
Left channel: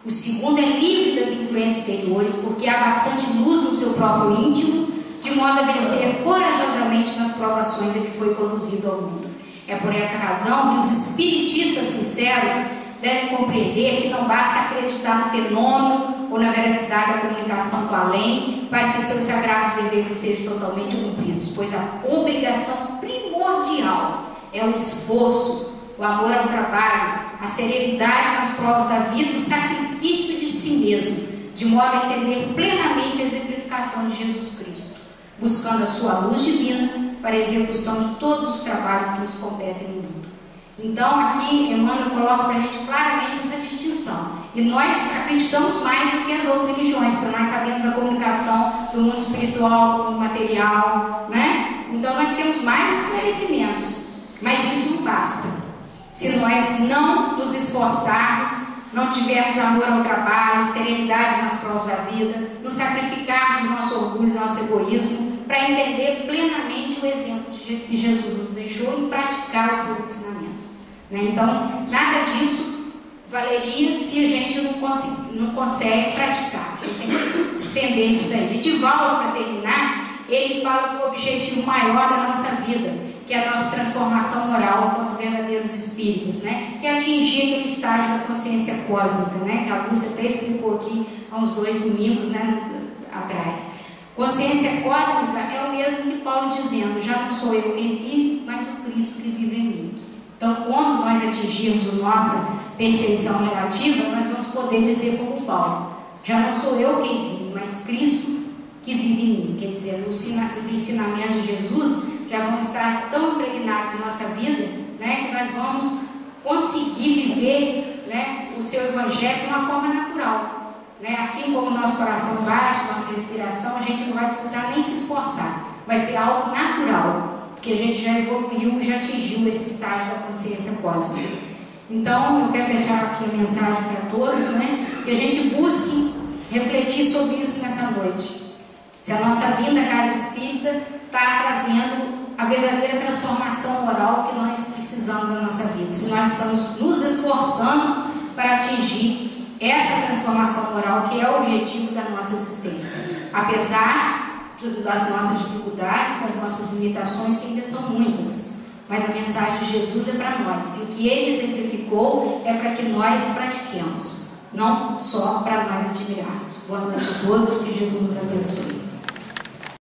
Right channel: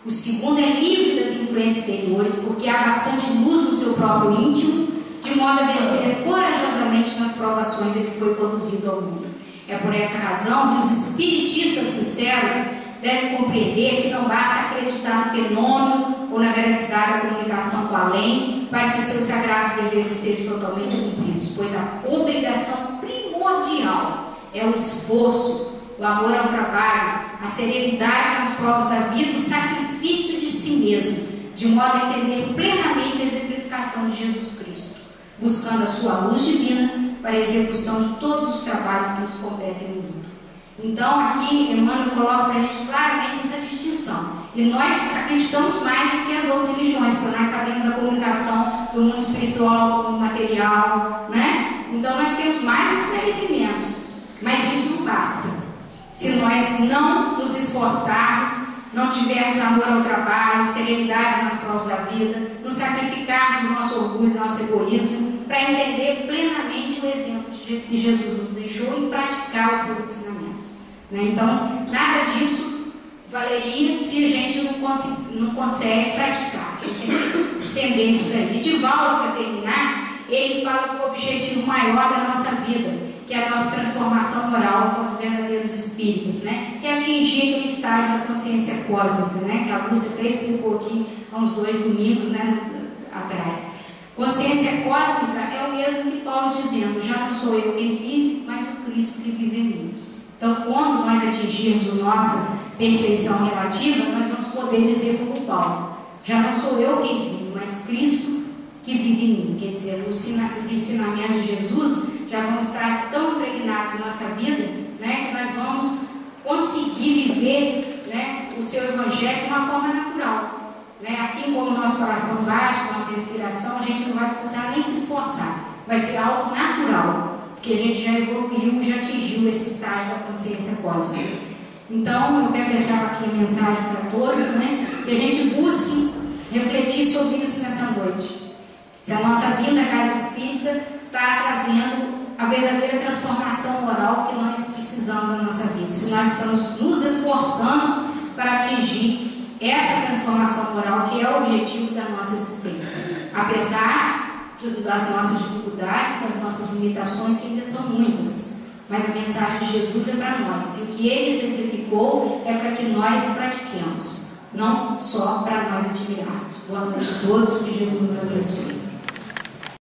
O segundo é livre das influências exteriores, porque há bastante luz no seu próprio íntimo, de modo a vencer corajosamente nas provações em que foi conduzido ao mundo. É por essa razão que os espiritistas sinceros devem compreender que não basta acreditar no fenômeno ou na veracidade da comunicação com o além para que os seus sagrados deveres estejam totalmente cumpridos, pois a obrigação primordial é o esforço, o amor ao trabalho, a serenidade nas provas da vida, o sacrifício de si mesmo, de modo a entender plenamente a exemplificação de Jesus Cristo, buscando a sua luz divina para a execução de todos os trabalhos que nos competem no mundo. Então, aqui, Emmanuel coloca para a gente claramente essa distinção. E nós acreditamos mais do que as outras religiões, porque nós sabemos a comunicação do mundo espiritual com o mundo material, né? Então, nós temos mais esclarecimentos, mas isso não basta. Se nós não nos esforçarmos, não tivermos amor ao trabalho, serenidade nas provas da vida, nos sacrificarmos do nosso orgulho, do nosso egoísmo, para entender plenamente o exemplo que Jesus nos deixou e praticar os seus ensinamentos. Então, nada disso valeria se a gente não consegue praticar. A gente tem que estender isso daí. E Divaldo, para terminar, ele fala que o objetivo maior da nossa vida, que é a nossa transformação moral enquanto verdadeiros espíritos, né? Que é atingir aquele estágio da consciência cósmica, né? Que a Lúcia até explicou aqui há uns 2 domingos, né, atrás. Consciência cósmica é o mesmo que Paulo dizendo: já não sou eu quem vive, mas o Cristo que vive em mim. Então, quando nós atingirmos a nossa perfeição relativa, nós vamos poder dizer como Paulo: já não sou eu quem vive, mas Cristo que vive em mim. Quer dizer, os ensinamentos de Jesus já vão estar tão impregnados na nossa vida, né, que nós vamos conseguir viver, né, o seu Evangelho de uma forma natural. Né? Assim como o nosso coração bate, nossa respiração, a gente não vai precisar nem se esforçar. Vai ser algo natural, porque a gente já evoluiu, já atingiu esse estágio da consciência cósmica. Então, eu quero deixar aqui a mensagem para todos, né, que a gente busque refletir sobre isso nessa noite. Se a nossa vinda à casa espírita está trazendo a verdadeira transformação moral que nós precisamos na nossa vida, se nós estamos nos esforçando para atingir essa transformação moral que é o objetivo da nossa existência, apesar das nossas dificuldades, das nossas limitações, que ainda são muitas, mas a mensagem de Jesus é para nós, e o que Ele exemplificou é para que nós pratiquemos, não só para nós admirarmos. Boa noite a todos, que Jesus nos abençoe.